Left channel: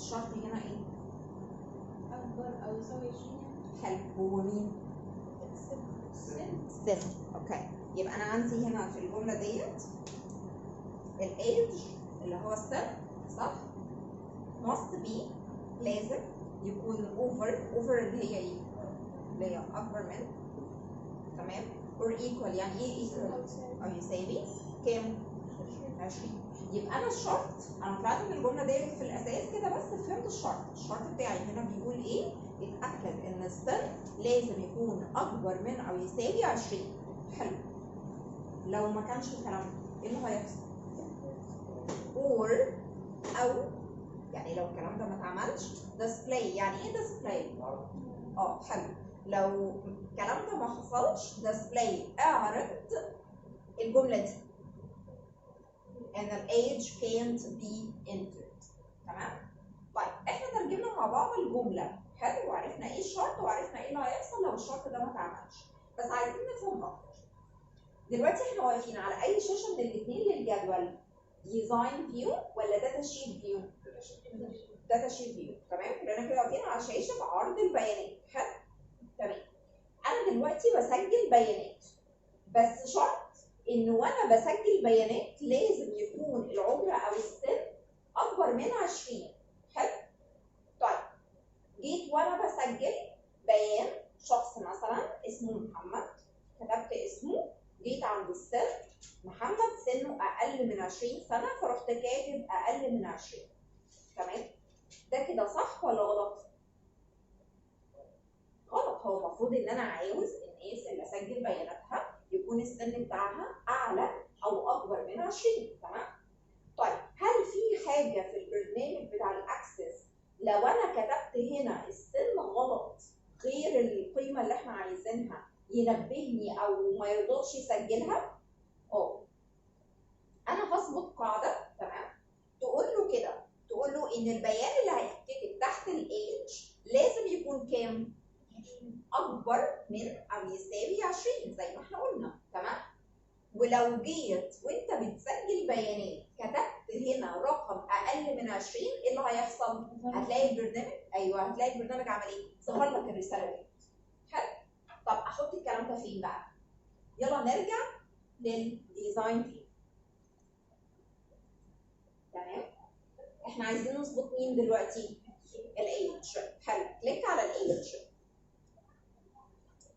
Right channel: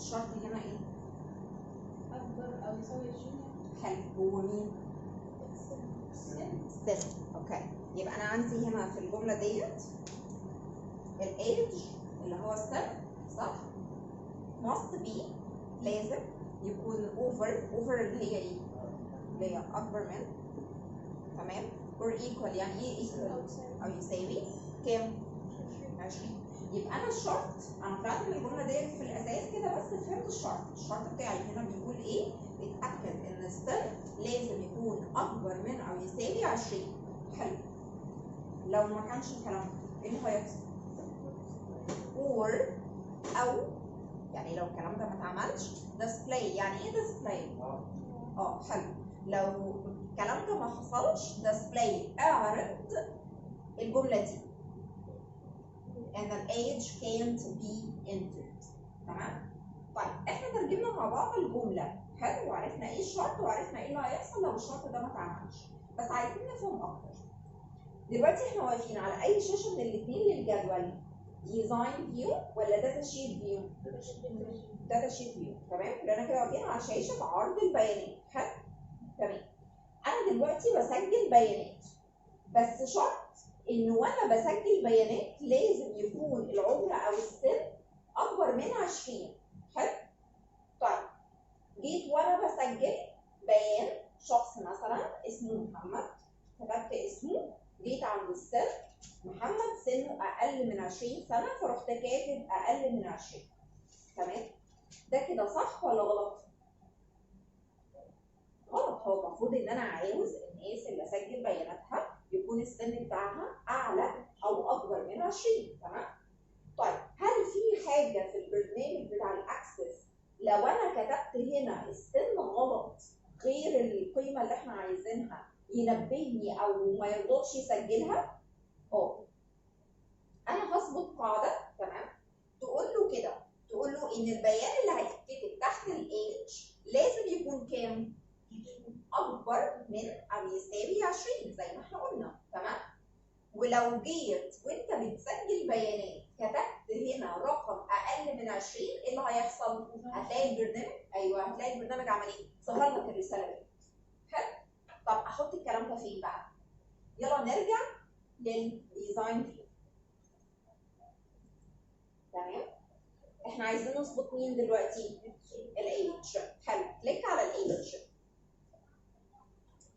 الشرط هنا ايه؟ اكبر او يساوي 20 حلو. هو مين؟ السن. السن. اوكي، يبقى انا عندي هنا في الجمله ديت الايدج اللي هو السن، صح؟ must be لازم يكون over اللي هي ايه؟ اللي هي اكبر من، تمام؟ or equal، يعني ايه equal؟ او يساوي كام؟ 20. يبقى انا الشرط، انا طلعت من الجمله ديت في الاساس كده بس فهمت الشرط بتاعي هنا بيقول ايه؟ اتاكد ان السن لازم يكون اكبر من او يساوي 20. حلو. لو ما كانش الكلام ده ايه اللي هيحصل؟ or او يعني لو الكلام ده ما اتعملش display. يعني ايه display؟ حلو. لو الكلام ده ما حصلش display، اعرض الجمله دي ان age can't be entered. تمام؟ طيب احنا ترجمنا مع بعض الجمله، حلو، وعرفنا ايه الشرط وعرفنا ايه اللي هيحصل لو الشرط ده ما اتعملش، بس عايزين نفهم اكتر. دلوقتي احنا واقفين على اي شاشه من الاثنين للجدول؟ ديزاين فيو ولا داتا شيت فيو؟ داتا شيت فيو. تمام؟ لان كده واقفين على شاشه عرض البيانات. حلو؟ تمام. انا دلوقتي بسجل بيانات، بس شرط ان وانا بسجل بيانات لازم يكون العمر او السن اكبر من 20. حلو؟ طيب جيت وانا بسجل بيان شخص مثلا اسمه محمد، كتبت اسمه، جيت عند السن محمد سنه اقل من 20 سنه، فرحت كاتب اقل من 20. تمام؟ ده كده صح ولا غلط؟ غلط. هو المفروض ان انا عاوز الناس اللي اسجل بياناتها يكون السن بتاعها اعلى او اكبر من 20. تمام؟ طيب هل في حاجه في البرنامج بتاع الاكسس لو انا كتبت هنا السن غلط غير القيمه اللي احنا عايزينها ينبهني او ما يرضاش يسجلها؟ انا هظبط قاعده، تمام، تقول له كده، تقول له ان البيان اللي هيتكتب تحت الايدج لازم يكون كام؟ اكبر من او يساوي 20 زي ما احنا قلنا. تمام؟ ولو جيت وانت بتسجل بيانات كتبت هنا رقم اقل من 20، ايه اللي هيحصل؟ هتلاقي البرنامج، ايوه هتلاقي البرنامج عمل ايه؟ ظهر لك الرساله دي. حلو؟ طب احط الكلام ده فين بقى؟ يلا نرجع للديزاين فيو. تمام؟ احنا عايزين نظبط مين دلوقتي؟ الايدج. حلو، كليك على الايدج.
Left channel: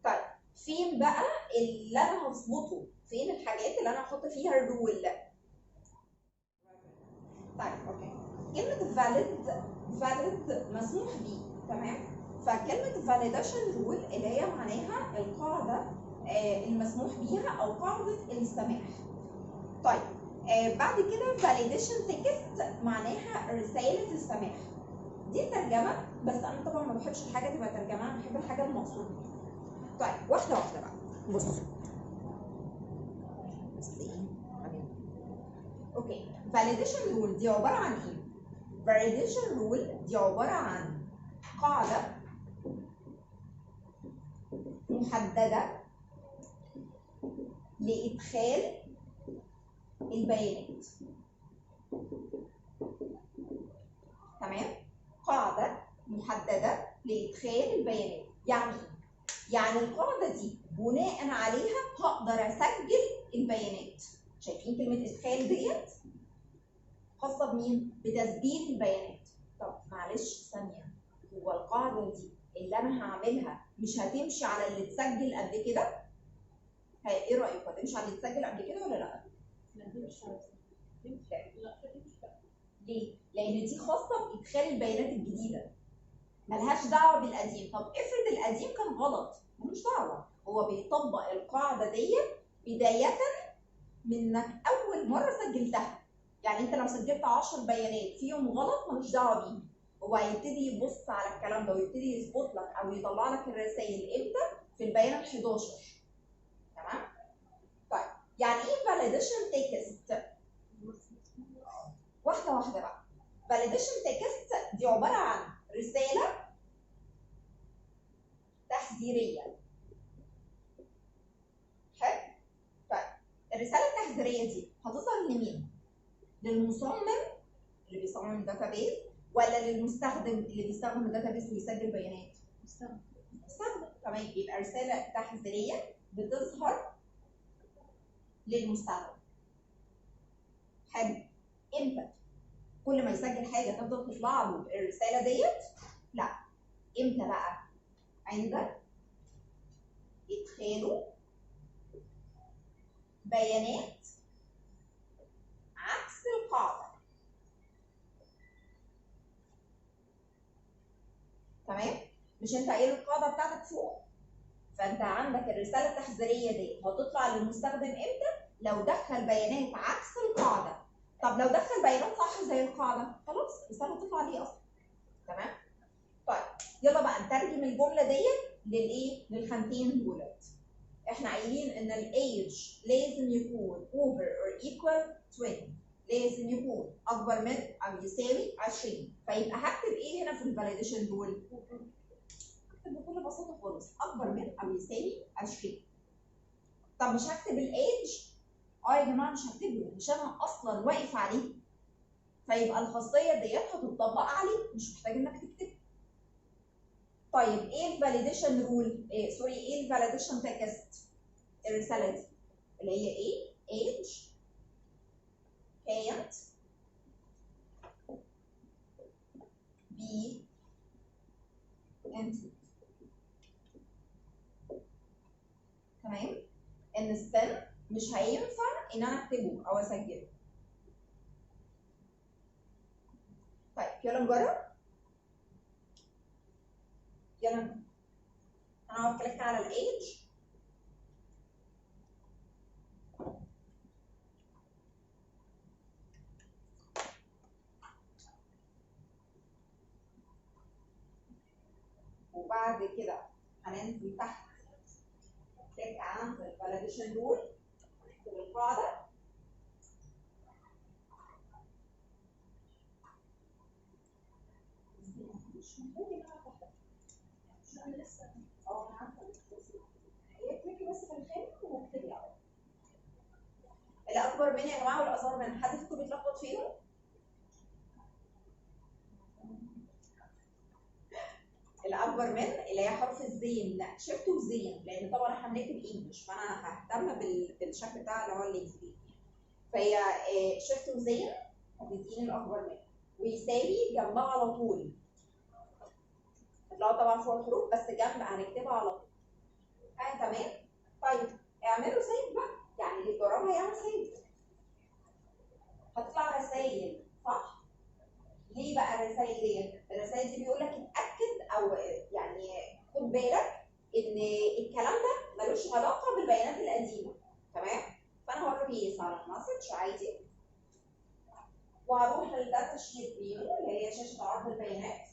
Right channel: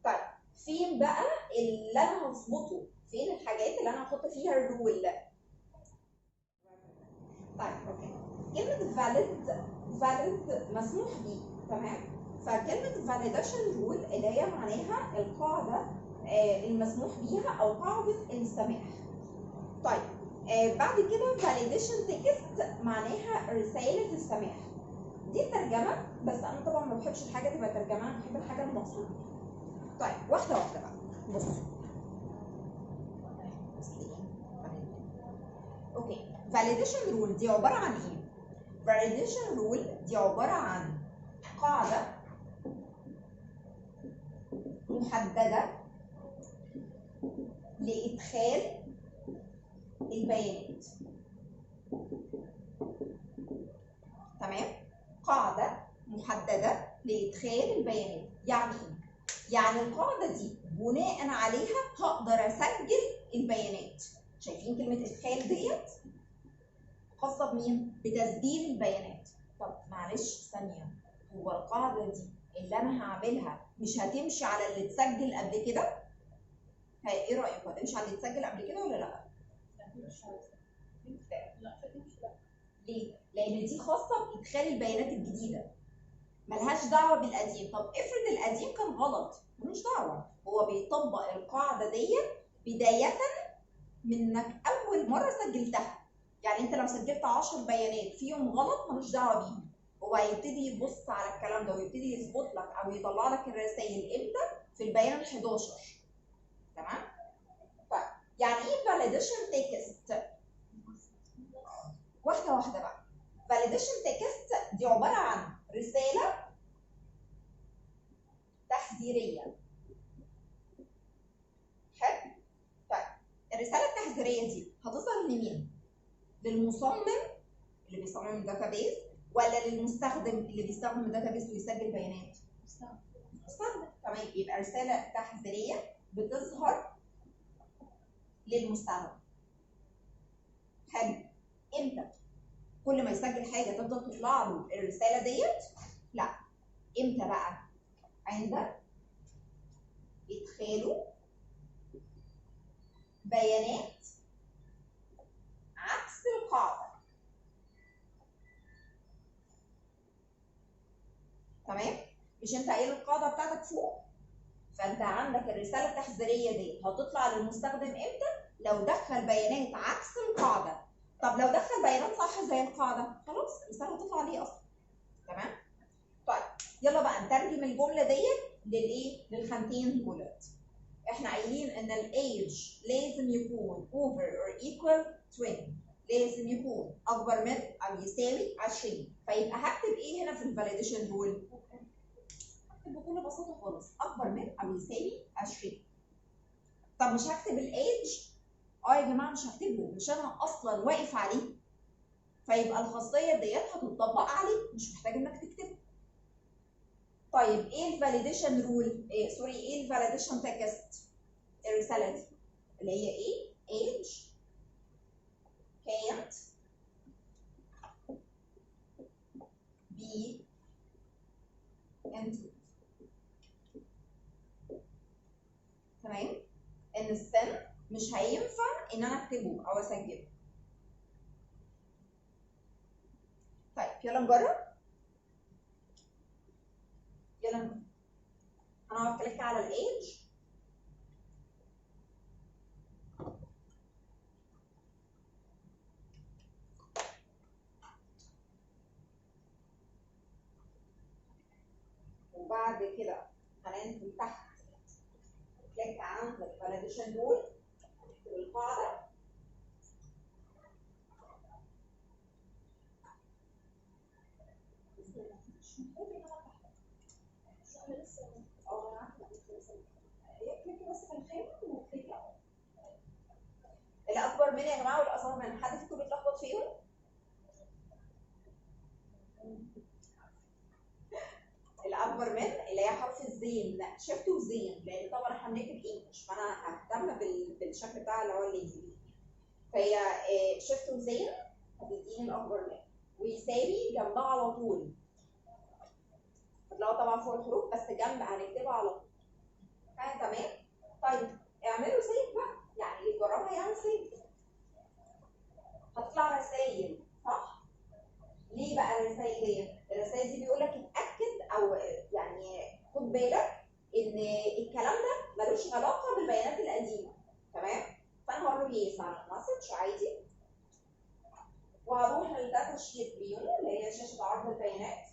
طيب فين بقى اللي انا هظبطه؟ فين الحاجات اللي انا هحط فيها الرول؟ طيب اوكي، كلمه valid مسموح بيه. تمام؟ فكلمه validation rule اللي هي معناها القاعده المسموح بيها او قاعده السماح. طيب بعد كده validation text معناها رساله السماح. دي ترجمه، بس انا طبعا ما بحبش الحاجه تبقى ترجمه، انا بحب الحاجه المقصود بيها. طيب واحده واحده بقى. بص اوكي، validation rule دي عباره عن ايه؟ validation rule دي عباره عن قاعده محدده لادخال البيانات. تمام؟ قاعده محدده لادخال البيانات. يعني ايه؟ يعني القاعده دي بناء عليها هقدر اسجل البيانات. شايفين كلمه ادخال ديت خاصه بمين؟ بتسجيل البيانات. طب معلش ثانيه، هو القاعده دي اللي انا هعملها مش هتمشي على اللي اتسجل قبل كده؟ ايه رايكم؟ هتمشي على اللي اتسجل قبل كده ولا لا؟ لا دي مش عارفه. لا لا. ليه؟ لان دي خاصه بادخال البيانات الجديده، ملهاش دعوه بالقديم. طب افرض القديم كان غلط، ملوش دعوه، هو بيطبق القاعده ديت بدايه من انك اول مره سجلتها. يعني انت لو سجلت 10 بيانات فيهم غلط ملوش دعوه بيهم، هو هيبتدي يبص على الكلام ده ويبتدي يظبط لك او يطلع لك الرسائل امتى؟ في البيان ال 11. تمام؟ طيب يعني ايه validation text؟ واحده واحده بقى. validation text دي عباره عن رساله تحذيريه. حلو؟ طيب الرساله التحذيريه دي هتظهر لمين؟ للمصمم اللي بيصمم الداتابيز، ولا للمستخدم اللي بيستخدم الداتابيس ويسجل بيانات؟ مستخدم. تمام، يبقى رساله تحذيريه بتظهر للمستخدم. حلو. امتى؟ كل ما يسجل حاجه تفضل تطلع له الرساله ديت؟ لا. امتى بقى؟ عند ادخاله بيانات عكس القاعده. تمام؟ مش انت قايل القاعده بتاعتك فوق؟ فانت عندك الرساله التحذيريه دي هتطلع للمستخدم امتى؟ لو دخل بيانات عكس القاعده. طب لو دخل بيانات صح زي القاعده، خلاص الرساله هتطلع ليه اصلا. تمام؟ طيب يلا بقى نترجم الجمله ديت للايه؟ للخانتين دولت. احنا قايلين ان الايج لازم يكون over or equal 20، لازم يكون اكبر من او يساوي 20. فيبقى هكتب ايه هنا في الفاليديشن رول؟ هكتب بكل بساطه خالص اكبر من او يساوي 20. طب مش هكتب الايج؟ يا جماعه مش هكتبه، مش انا اصلا واقف عليه. فيبقى الخاصيه ديت هتطبق عليه، مش محتاج انك تكتبه. طيب ايه الفاليديشن رول؟ ايه الفاليديشن تكست؟ الرساله دي اللي هي ايه؟ age can't be entered. تمام؟ ان السن مش هينفع ان انا اكتبه او اسجله. طيب يلا نجرب. يلا نجرب. انا هكليك على الايج. وبعد كده هننزل تحت كليك عند الفاليديشن رول، نكتب القاعده. مش محتاج ان انا افتح. انا لسه انا عارفه هي كليكي بس في الخانه واكتبي اهو. الاكبر من يا جماعه والاصغر من، حد فيكم بيتلخبط فيهم؟ الاكبر من اللي هي حرف الزين، لا شيفت وزين، لان طبعا احنا بنكتب انجلش فانا ههتم بالشكل بتاع اللي هو الانجليزي. فهي شيفت وزين هتديني الاكبر من، ويساوي جنبها على طول. هتلاقوا طبعا فوق الحروف بس جنب هنكتبها على طول. تمام؟ طيب اعملوا سيف بقى، يعني اللي يجربها يعمل سيف. هتطلع رسايل صح؟ ليه بقى الرسائل ديت؟ الرسائل دي بيقول لك اتاكد او يعني خد بالك ان الكلام ده ملوش علاقه بالبيانات القديمه. تمام؟ فانا هروح يس على المسج عادي، وهروح للداتا شيت فيو اللي هي شاشه عرض البيانات،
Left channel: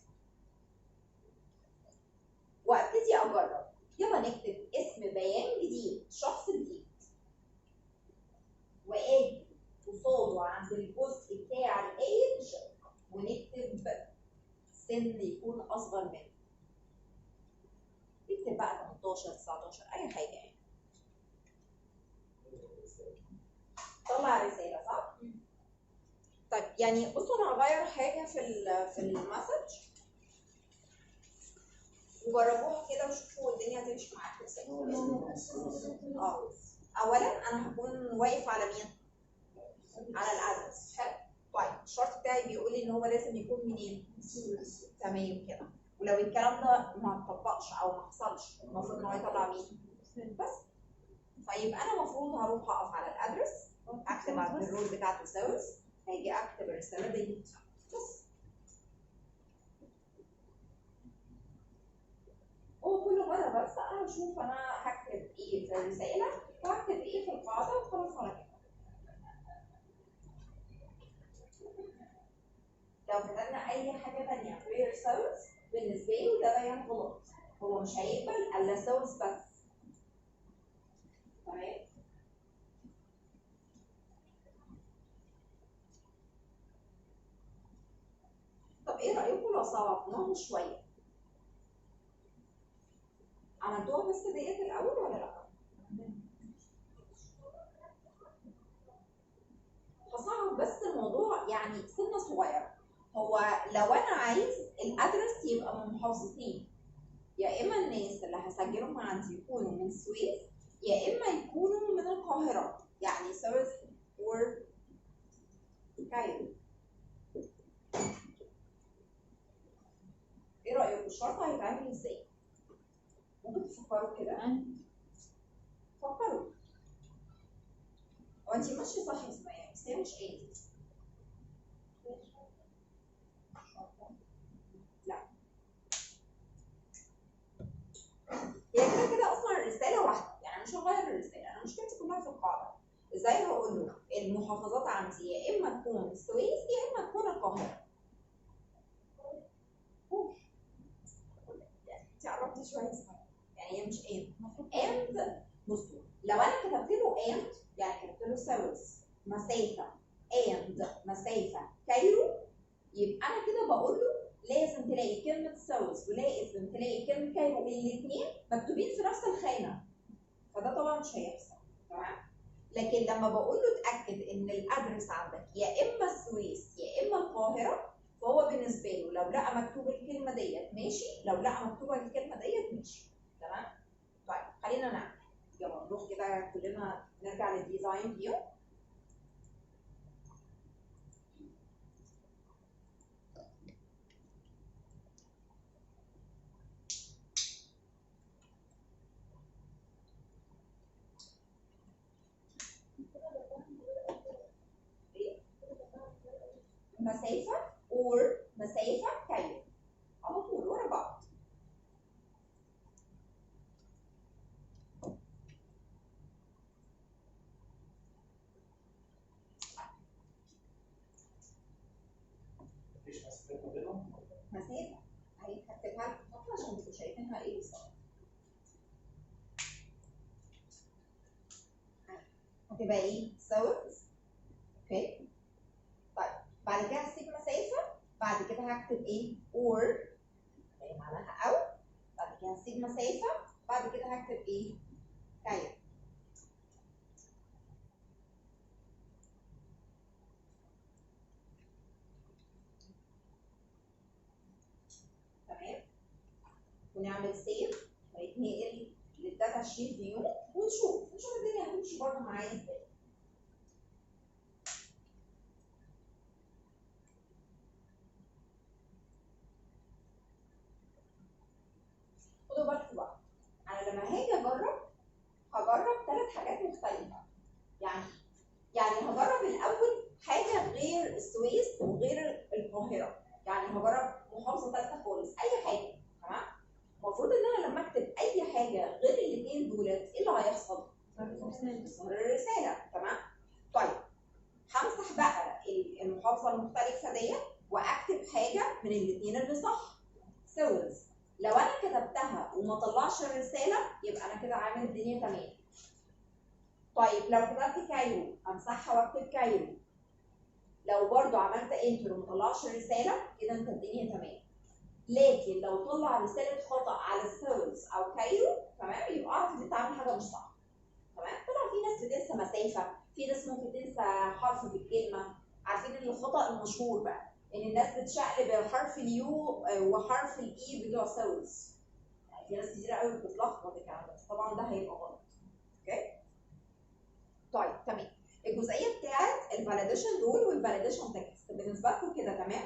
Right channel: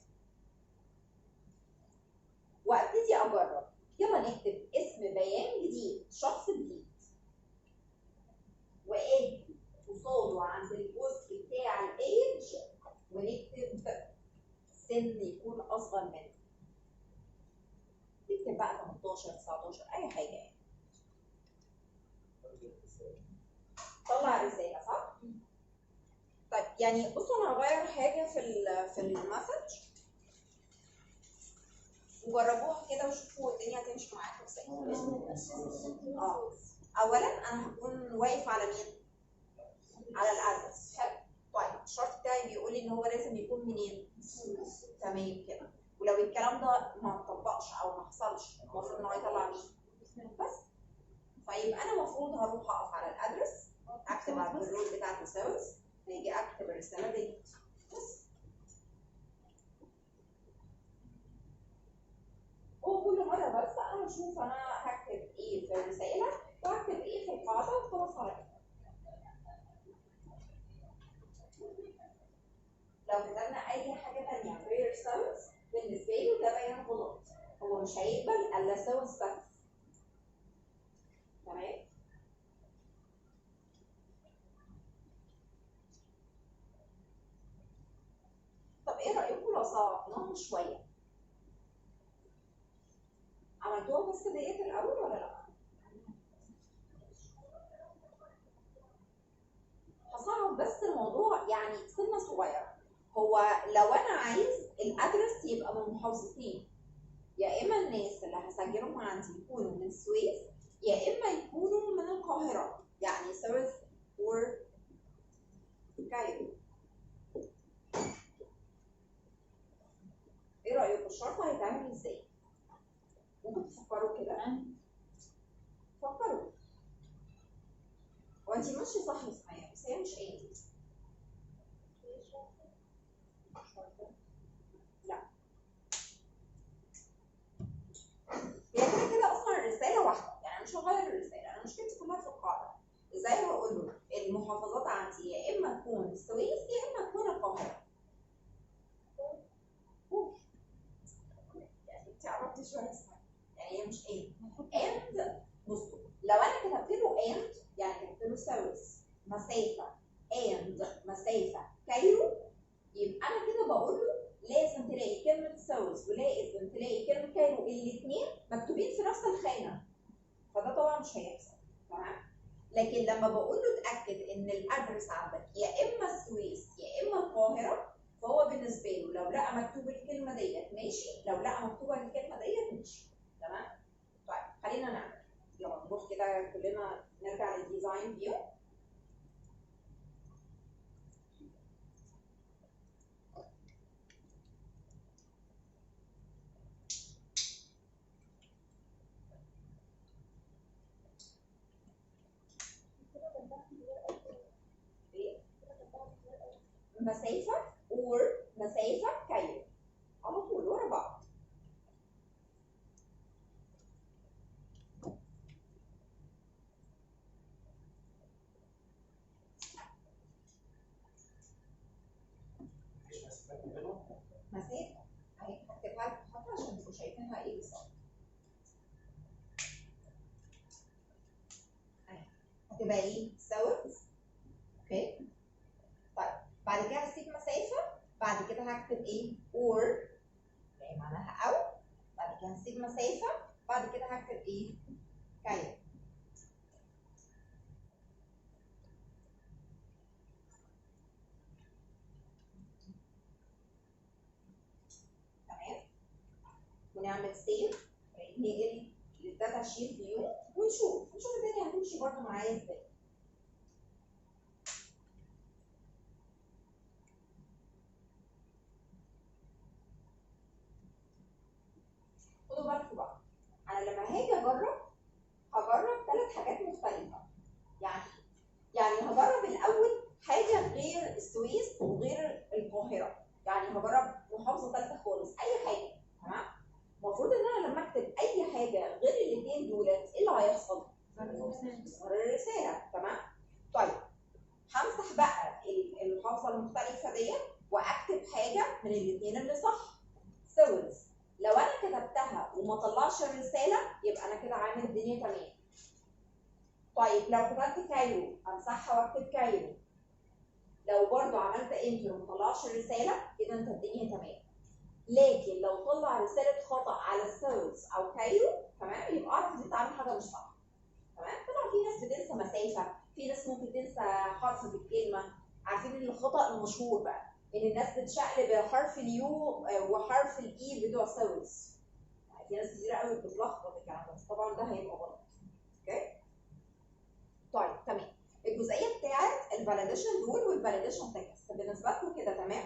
وابتدي اجرب. يلا نكتب اسم بيان جديد، شخص جديد، واجي قصاده عند الجزء بتاع الايدج ونكتب سن يكون اصغر منه. نكتب بقى 18 19 اي حاجه يعني. طلع رساله صح؟ طيب يعني بصوا انا هغير حاجه في المسج وجربوها كده وشوفوا الدنيا هتمشي معاكم ازاي. اولا انا هكون واقف على مين؟ على الادرس. حلو. طيب الشرط بتاعي بيقول لي ان هو لازم يكون منين؟ تمام كده. ولو الكلام ده ما اتطبقش او ما حصلش المفروض ان هو يطلع مين؟ بس. فيبقى انا المفروض هروح اقف على الادرس، اكتب على الرول بتاعته سيلز، هاجي اكتب الرساله دي بس. هو كل مره بس انا بشوف انا هكتب ايه في الرساله وهكتب ايه في القاعده وخلاص على كده. لو كتبنا اي حاجه ثانيه غير سيلز بالنسبه له ده بيان غلط، هو مش هيقبل الا سيلز بس. تمام؟ طب ايه رايكم لو صعبناها شويه؟ عملتوها بس ديت الاول ولا لا؟ هصعب بس الموضوع يعني سنه صغيره. هو لو انا عايز الادرس يبقى من محافظتين، يا اما الناس اللي هسجلهم عندي يكونوا من السويس يا اما يكونوا من القاهره، يعني سويس اور كايرو. ايه رايكم الشرط هيتعمل ازاي؟ ممكن تفكروا كده؟ فكروا. هو انت ماشيه صح يا سمية، بس هي مش ايه. لا، هي كده كده اصلا الرساله واحده، يعني مش هغير الرساله، انا مشكلتي كلها في القاعده. ازاي هقول له المحافظات عندي يا اما تكون السويس يا اما تكون القاهره. يعني انت قربتي شويه اسمها، يعني هي مش اند. بصوا لو انا كتبت له اند، يعني كتبت له سويس مسافه اند مسافه كايرو، يبقى انا كده بقول له لازم تلاقي كلمه سويس ولازم تلاقي كلمه كايرو الاثنين مكتوبين في نفس الخانه، فده طبعا مش هيحصل. تمام. لكن لما بقول له اتاكد ان الادرس عندك يا اما السويس يا اما القاهره، فهو بالنسبه له لو لقى مكتوب الكلمه ديت ماشي، لو لقى مكتوبه الكلمه ديت ماشي. تمام. طيب خلينا نعمل، يلا نروح كده كلنا نرجع للديزاين فيو. مسافه اور مسافه كايرو على طول ورا بعض. مفيش مسافات ما بينهم؟ مسافه اهي هكتبها لكم خطوه عشان تبقوا شايفينها ايه بالظبط. هتبقى ايه؟ ساوث. اوكي. طيب بعد كده هسيب مسافه، بعد كده هكتب ايه؟ اور اللي معناها او، بعد كده هسيب مسافه، بعد كده هكتب ايه؟ كايرو. تمام. ونعمل سيف هيتنقل للداتا شيت فيو ونشوف الدنيا هتمشي برضه معايا ازاي. خدوا بالكم بقى، انا لما هاجي هجرب 3 حاجات مختلفه. يعني هجرب الاول حاجه غير السويس وغير القاهره، يعني هجرب محافظه ثالثه خالص، اي حاجه. تمام. المفروض ان انا لما اكتب اي حاجه غير الاثنين دولت ايه اللي هيحصل؟ يظهر الرساله. تمام. طيب همسح بقى المحافظه المختلفه ديت واكتب حاجه من الاثنين اللي صح. سويس لو انا كتبتها وما طلعش الرساله يبقى انا كده عامل الدنيا تمام. طيب لو كتبت كايرو امسحها واكتب كايرو، لو برضو عملت انتر وما طلعش الرساله كده انت الدنيا تمام. لكن لو طلع رساله خطا على سويس او كايرو، تمام، يبقى اعرف ان انت عامل حاجه مش صح. تمام. طبعا في ناس بتنسى مسافه، في ناس ممكن تنسى حرف في الكلمه. عارفين ان الخطا المشهور بقى ان الناس بتشقلب حرف اليو وحرف الاي بتوع سويس. يعني في ناس كتير قوي بتتلخبط الكلام ده، طبعا ده هيبقى غلط. اوكي. طيب تمام. الجزئيه بتاعت الفاليديشن رول والفاليديشن تكست بالنسبه لكم كده تمام؟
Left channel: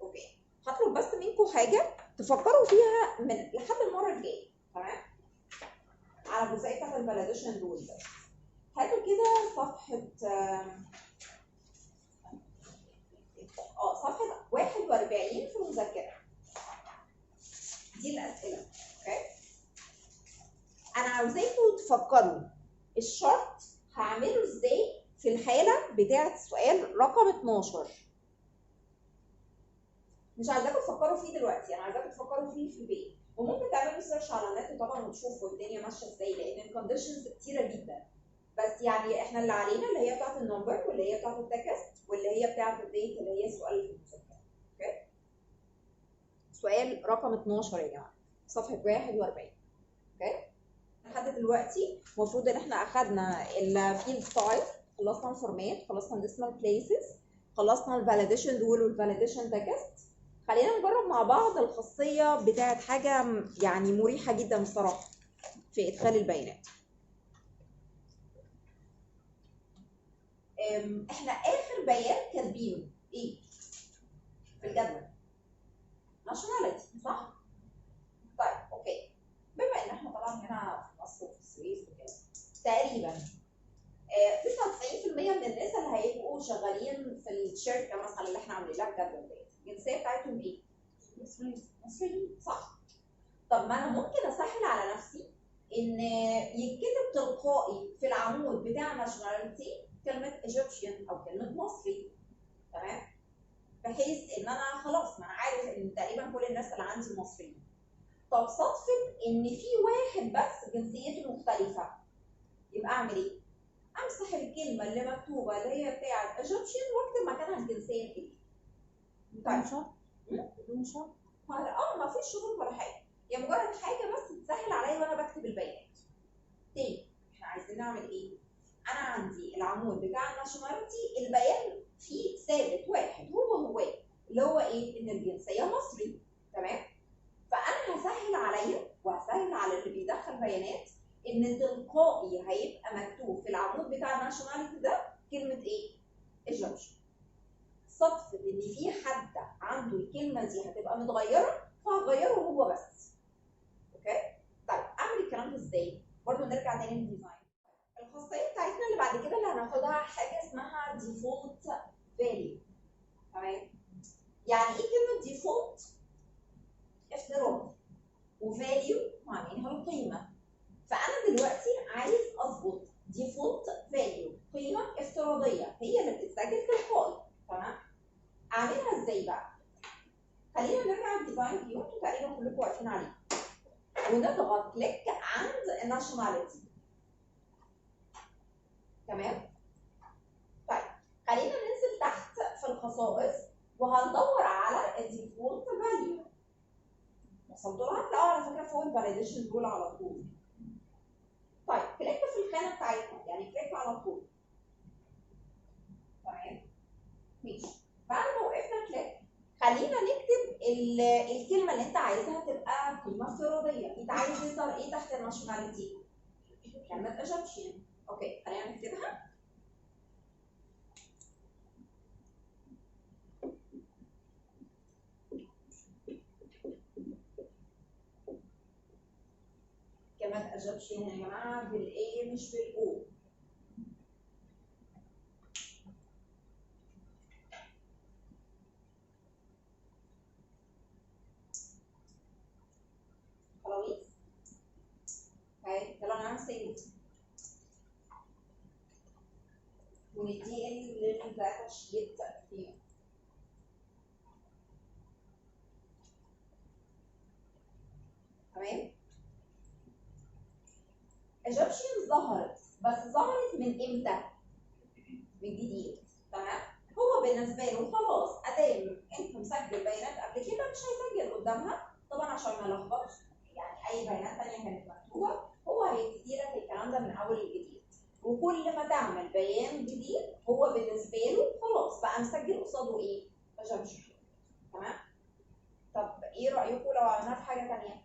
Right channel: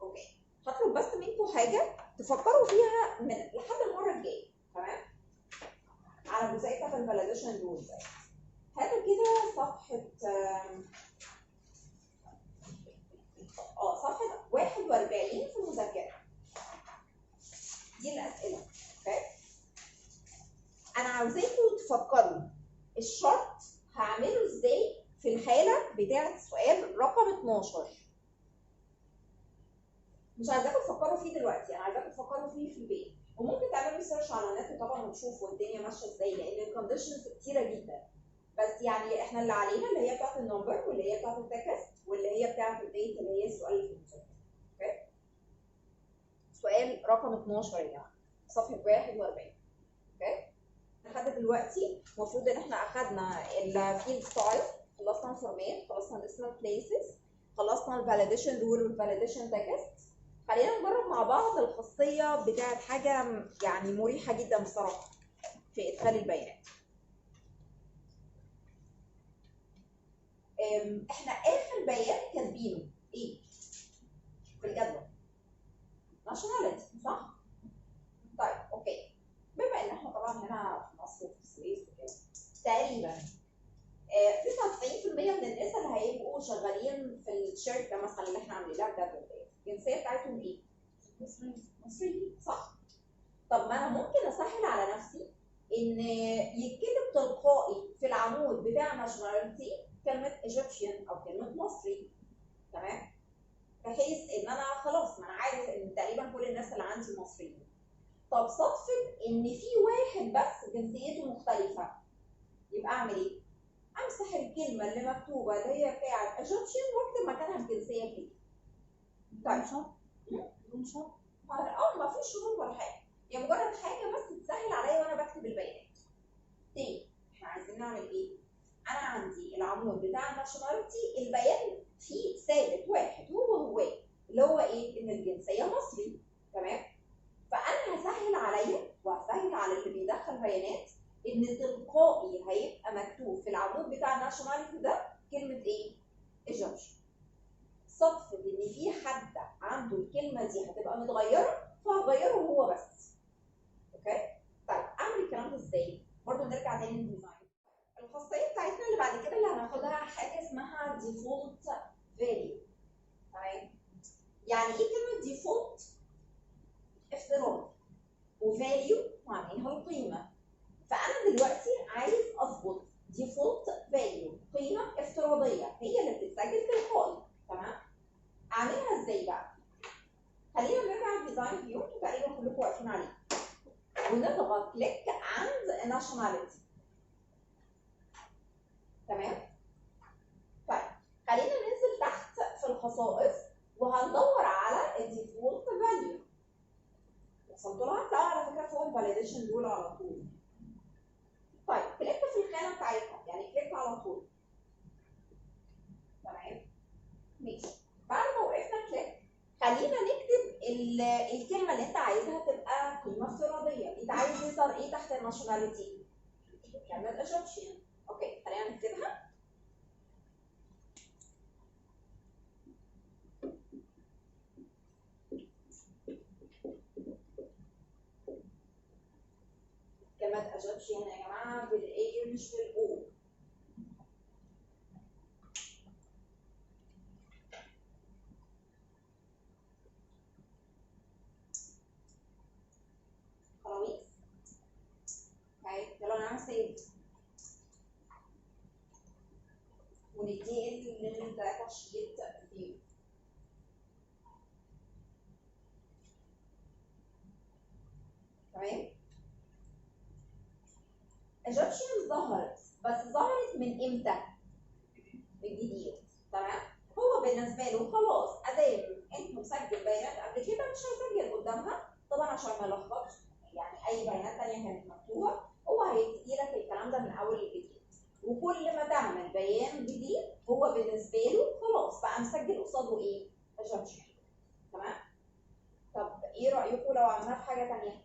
اوكي. هطلب بس منكم حاجه تفكروا فيها من لحد المره الجايه. تمام. على الجزئيه بتاعت الفاليديشن رول ده هاتوا كده صفحه صفحه 41 في المذكره. دي الاسئله. اوكي. انا عاوزاكم تفكروا الشرط هعمله ازاي في الحاله بتاعه السؤال رقم 12. مش عايزاكم تفكروا فيه دلوقتي، انا عايزاكم تفكروا فيه في البيت، وممكن تعملوا سيرش على النت طبعا وتشوفوا الدنيا ماشيه ازاي، لان الكونديشنز كتيره جدا. بس يعني احنا اللي علينا اللي هي بتاعه النمبر واللي هي بتاعه التكست واللي هي بتاعه الديت اللي هي السؤال اللي في المذكره. اوكي. سؤال رقم 12 يا جماعه، صفحه 41. اوكي. لحد دلوقتي المفروض ان احنا اخدنا الفيلد ستايل، خلصنا الفورمات، خلصنا الديسمال بليسز، خلصنا الفاليديشن رول والفاليديشن تكست. خلينا نجرب مع بعض الخاصيه بتاعت حاجه يعني مريحه جدا بصراحه في ادخال البيانات. احنا اخر بيان كاتبينه ايه في الجدول؟ ناشوناليتي، صح؟ طيب اوكي، بما ان احنا طبعا هنا في مصر وفي السويس وكده تقريبا 99% من الناس اللي هيبقوا شغالين في الشركه مثلا اللي احنا عاملين لها الجدول ديت الجنسيه بتاعتهم ايه؟ مصريين، صح؟ طب ما انا ممكن اسهل على نفسي ان يتكتب تلقائي في العمود بتاع ناشوناليتي كلمه ايجيبشن او كلمه مصري، تمام؟ بحيث ان انا خلاص ما انا عارف ان تقريبا كل الناس اللي عندي مصريين. طب صدفه ان في واحد بس جنسيته مختلفه، يبقى اعمل ايه؟ امسح الكلمه اللي مكتوبه اللي هي بتاعت ايجيبشن واكتب مكانها الجنسيه كده. بدون شرط؟ بدون شرط؟ ما فيش شروط ولا حاجه، هي مجرد حاجه بس تسهل عليا وانا بكتب البيانات. تاني احنا عايزين نعمل ايه؟ انا عندي العمود بتاع الناشوناليتي البيان فيه ثابت واحد هو اللي هو ايه؟ ان الجنسيه مصري، تمام؟ فانا هسهل عليا وهسهل على اللي بيدخل بيانات ان تلقائي هيبقى مكتوب في العمود بتاع الناشوناليتي ده كلمه ايه؟ ايجيبشن. صدفه ان في حد عنده الكلمه دي هتبقى متغيره فهغيره هو بس. اوكي؟ طيب اعمل الكلام ده ازاي؟ برضه نرجع تاني للديزاين. الخاصيه بتاعتنا اللي بعد كده اللي هناخدها حاجه اسمها ديفولت فاليو، تمام؟ يعني ايه كلمه ديفولت؟ افتراضي، وفاليو معناها القيمه. فانا دلوقتي عايز اظبط ديفولت فاليو، قيمه افتراضيه هي اللي بتتسجل تلقائي، تمام؟ اعملها ازاي بقى؟ خلينا نرجع للديزاين فيو، انتوا تقريبا كلكم واقفين عليه، ونضغط كليك عند ناشوناليتي، تمام؟ طيب خلينا ننزل تحت في الخصائص وهندور على الديفولت فاليو. وصلتوا لها؟ هتلاقوها على فكره فوق الفاليديشن رول على طول. طيب كليك في الخانه بتاعتنا، يعني كليك على طول، تمام؟ ماشي. بعد ما وقفنا كليك خلينا نكتب الكلمه اللي انت عايزها تبقى قيمه افتراضيه. انت عايز يظهر ايه تحت الناشوناليتي؟ كلمه ايجيبشن. اوكي خلينا نكتبها. كلمه ايجيبشن يا جماعه بالاي مش بالاو. خلاص؟ يلا نعمل سيف ونديه للداتا شيت فيه. تمام؟ ايجيبشن ظهرت، بس ظهرت من امتى؟ من جديد، تمام؟ هو بالنسبه له خلاص ادام انت مسجل بيانات قبل كده مش هيسجل قدامها، طبعا عشان ما لخبطش يعني اي بيانات ثانيه كانت مكتوبه، هو هيبتدي لك الكلام ده من اول الجديد. وكل ما تعمل بيان جديد هو بالنسبه له خلاص بقى مسجل قصاده ايه؟ ايجيبشن، تمام؟ طب ايه رايكم لو عملناها في حاجه ثانيه؟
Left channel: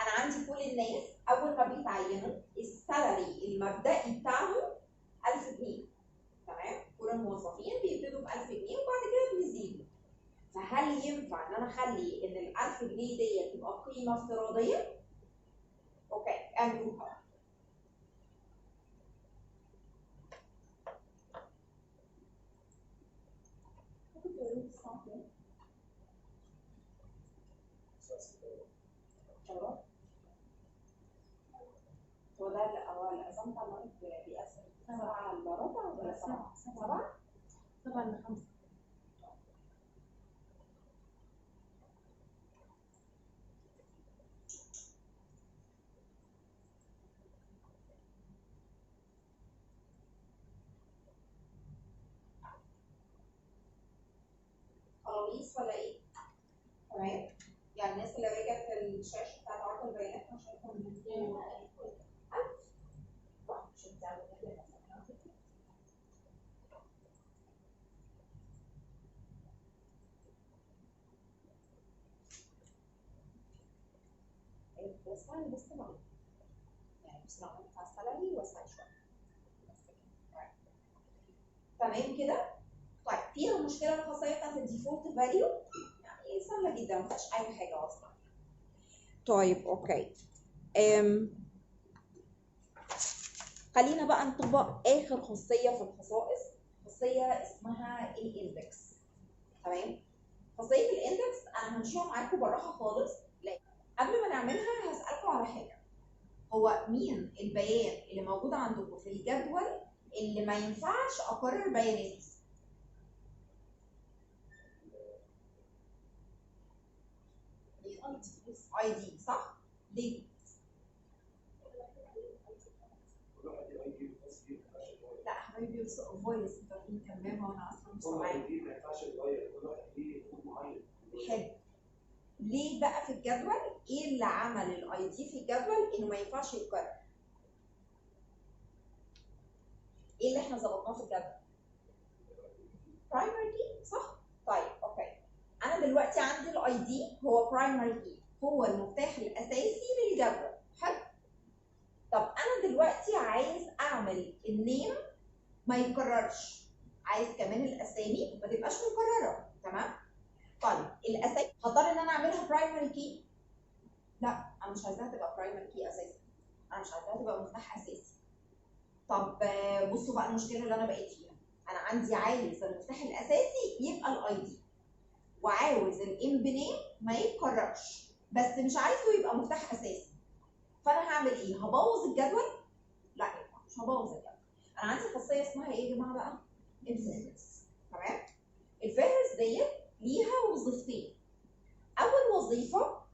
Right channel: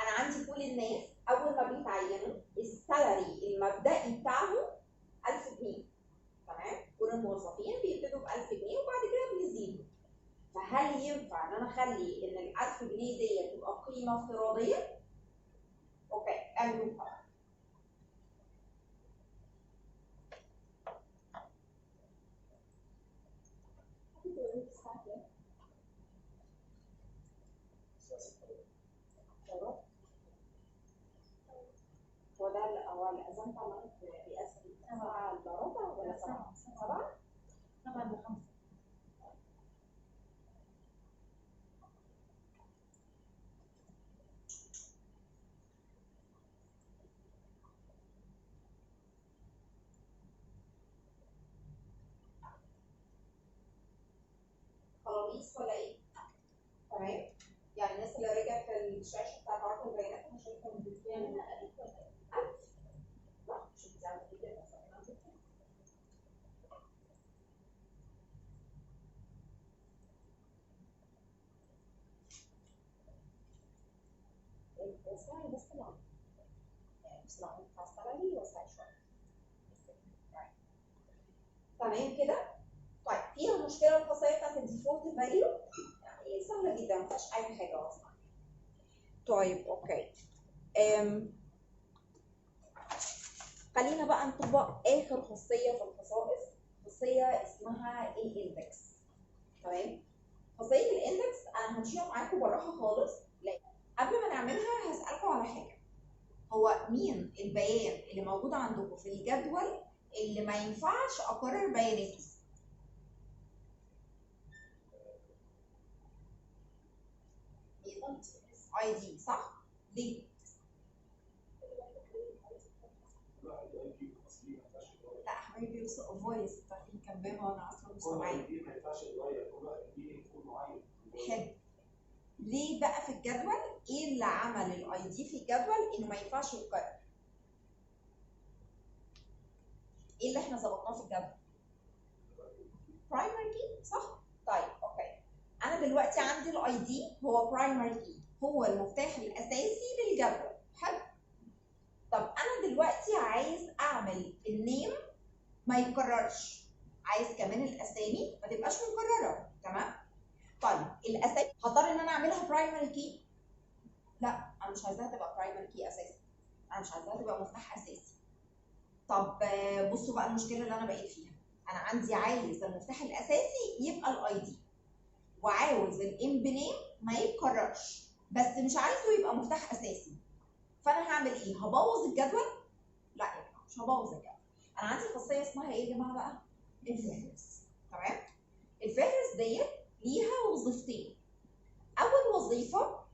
انا عندي كل الناس اول ما بيتعينوا السالري المبدئي بتاعهم 1000 جنيه، تمام؟ كل الموظفين بيبتدوا ب 1000 جنيه وبعد كده بيزيدوا. فهل ينفع ان انا اخلي ان ال 1000 جنيه دي تبقى قيمه افتراضيه؟ اوكي اعملوها. هو ده الأذان بتاع المغرب بيأثر 7 إلا ربع ولا 7؟ 7 إلا 5. خلاص ولا إيه؟ تمام؟ يعني الناس اللي رجعت في الشاشة بتاعت عرض البيانات أنا شايفهم بيكونوا 1000 صح؟ مش بتعمل كده مثلا. وسعي بس نعم، يعني بس نعم بتاع السلالي وسعي شويه بس كده. تمام كده. طيب فيها المشكله الخاصيه بتاعت الديفولت فاليو، يعني سهله جدا ما فيهاش اي حاجه اصلا. طيب اوكي، خلينا بقى نطبق اخر خاصيه في الخصائص، خاصيه اسمها الاندكس. تمام، خاصيه الاندكس انا همشيها معاكم بالراحه خالص. لا، قبل ما نعملها هسالكم على حاجه، هو مين البيان اللي موجود عندكم في الجدول اللي ما ينفعش اكرر بياناته؟ اي دي، صح؟ ليه؟ لا حبايبي، بص فويس انت في كمان وانا اصلا مش سامعاك. ما ينفعش يتغير، كل واحد ليه كود معين. حلو. ليه بقى في الجدول؟ ايه اللي عمل الاي دي في الجدول انه ما ينفعش يتكرر؟ ايه اللي احنا ظبطناه في الجدول؟ برايمري كي، صح؟ طيب اوكي، انا دلوقتي عندي الاي دي هو برايمري كي، هو المفتاح الاساسي للجدول. حلو. طب انا دلوقتي عايز اعمل النيم ما يتكررش، عايز كمان الاسامي ما تبقاش مكرره. تمام. طيب الاسامي هضطر ان انا اعملها برايمري كي؟ لا، انا مش عايزاها تبقى برايمري كي اساسا، انا مش عايزاها تبقى مفتاح اساسي. طب بصوا بقى المشكله اللي انا بقيت فيها، انا عندي عايز المفتاح الاساسي يبقى الاي دي، وعاوز الام بنيم ما يتكررش، بس مش عايزه يبقى مفتاح اساسي. فانا هعمل ايه؟ هبوظ الجدول؟ لا مش هبوظ الجدول. انا عندي خاصيه اسمها ايه يا جماعه بقى؟ الفهرس. تمام. الفهرس ديت ليها وظيفتين. اول وظيفه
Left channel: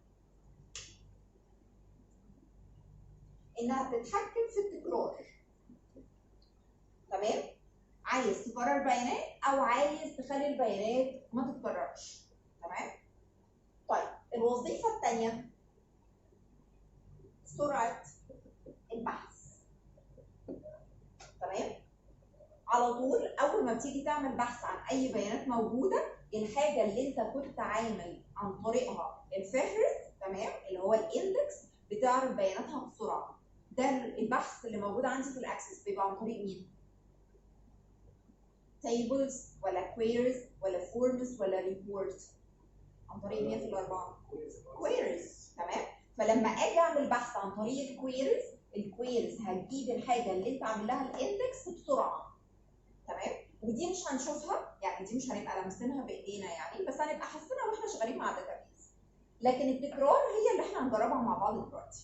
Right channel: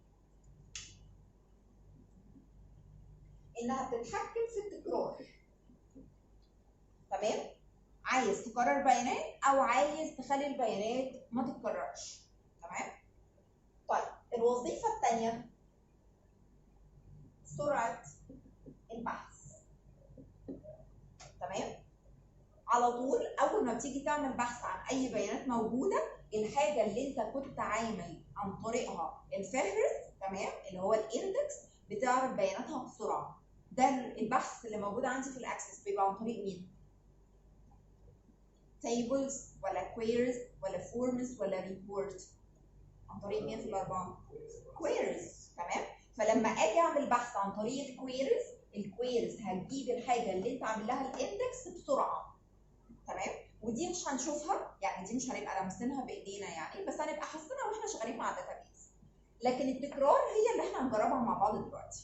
انها بتتحكم في التكرار. تمام، عايز تكرر بيانات او عايز تخلي البيانات ما تتكررش. تمام. طيب الوظيفه الثانيه سرعه البحث. تمام، على طول اول ما بتيجي تعمل بحث عن اي بيانات موجوده، الحاجه اللي انت كنت عامل عن طريقها الفهرس، تمام، اللي هو الاندكس، بتعرف بياناتها بسرعه. ده البحث اللي موجود عندي في الاكسس بيبقى عن طريق مين؟ tables ولا queries ولا forms ولا report؟ عن طريق مين في الاربعه؟ queries. تمام، فلما اجي اعمل بحث عن طريق الكويريز هتجيب الحاجه اللي انت عامل لها الاندكس بسرعه. تمام، ودي مش هنشوفها، يعني دي مش هنبقى لامسينها بايدينا يعني، بس هنبقى حاسينها واحنا شغالين مع الداتابيز. لكن التكرار هي اللي احنا هنجربها مع بعض دلوقتي.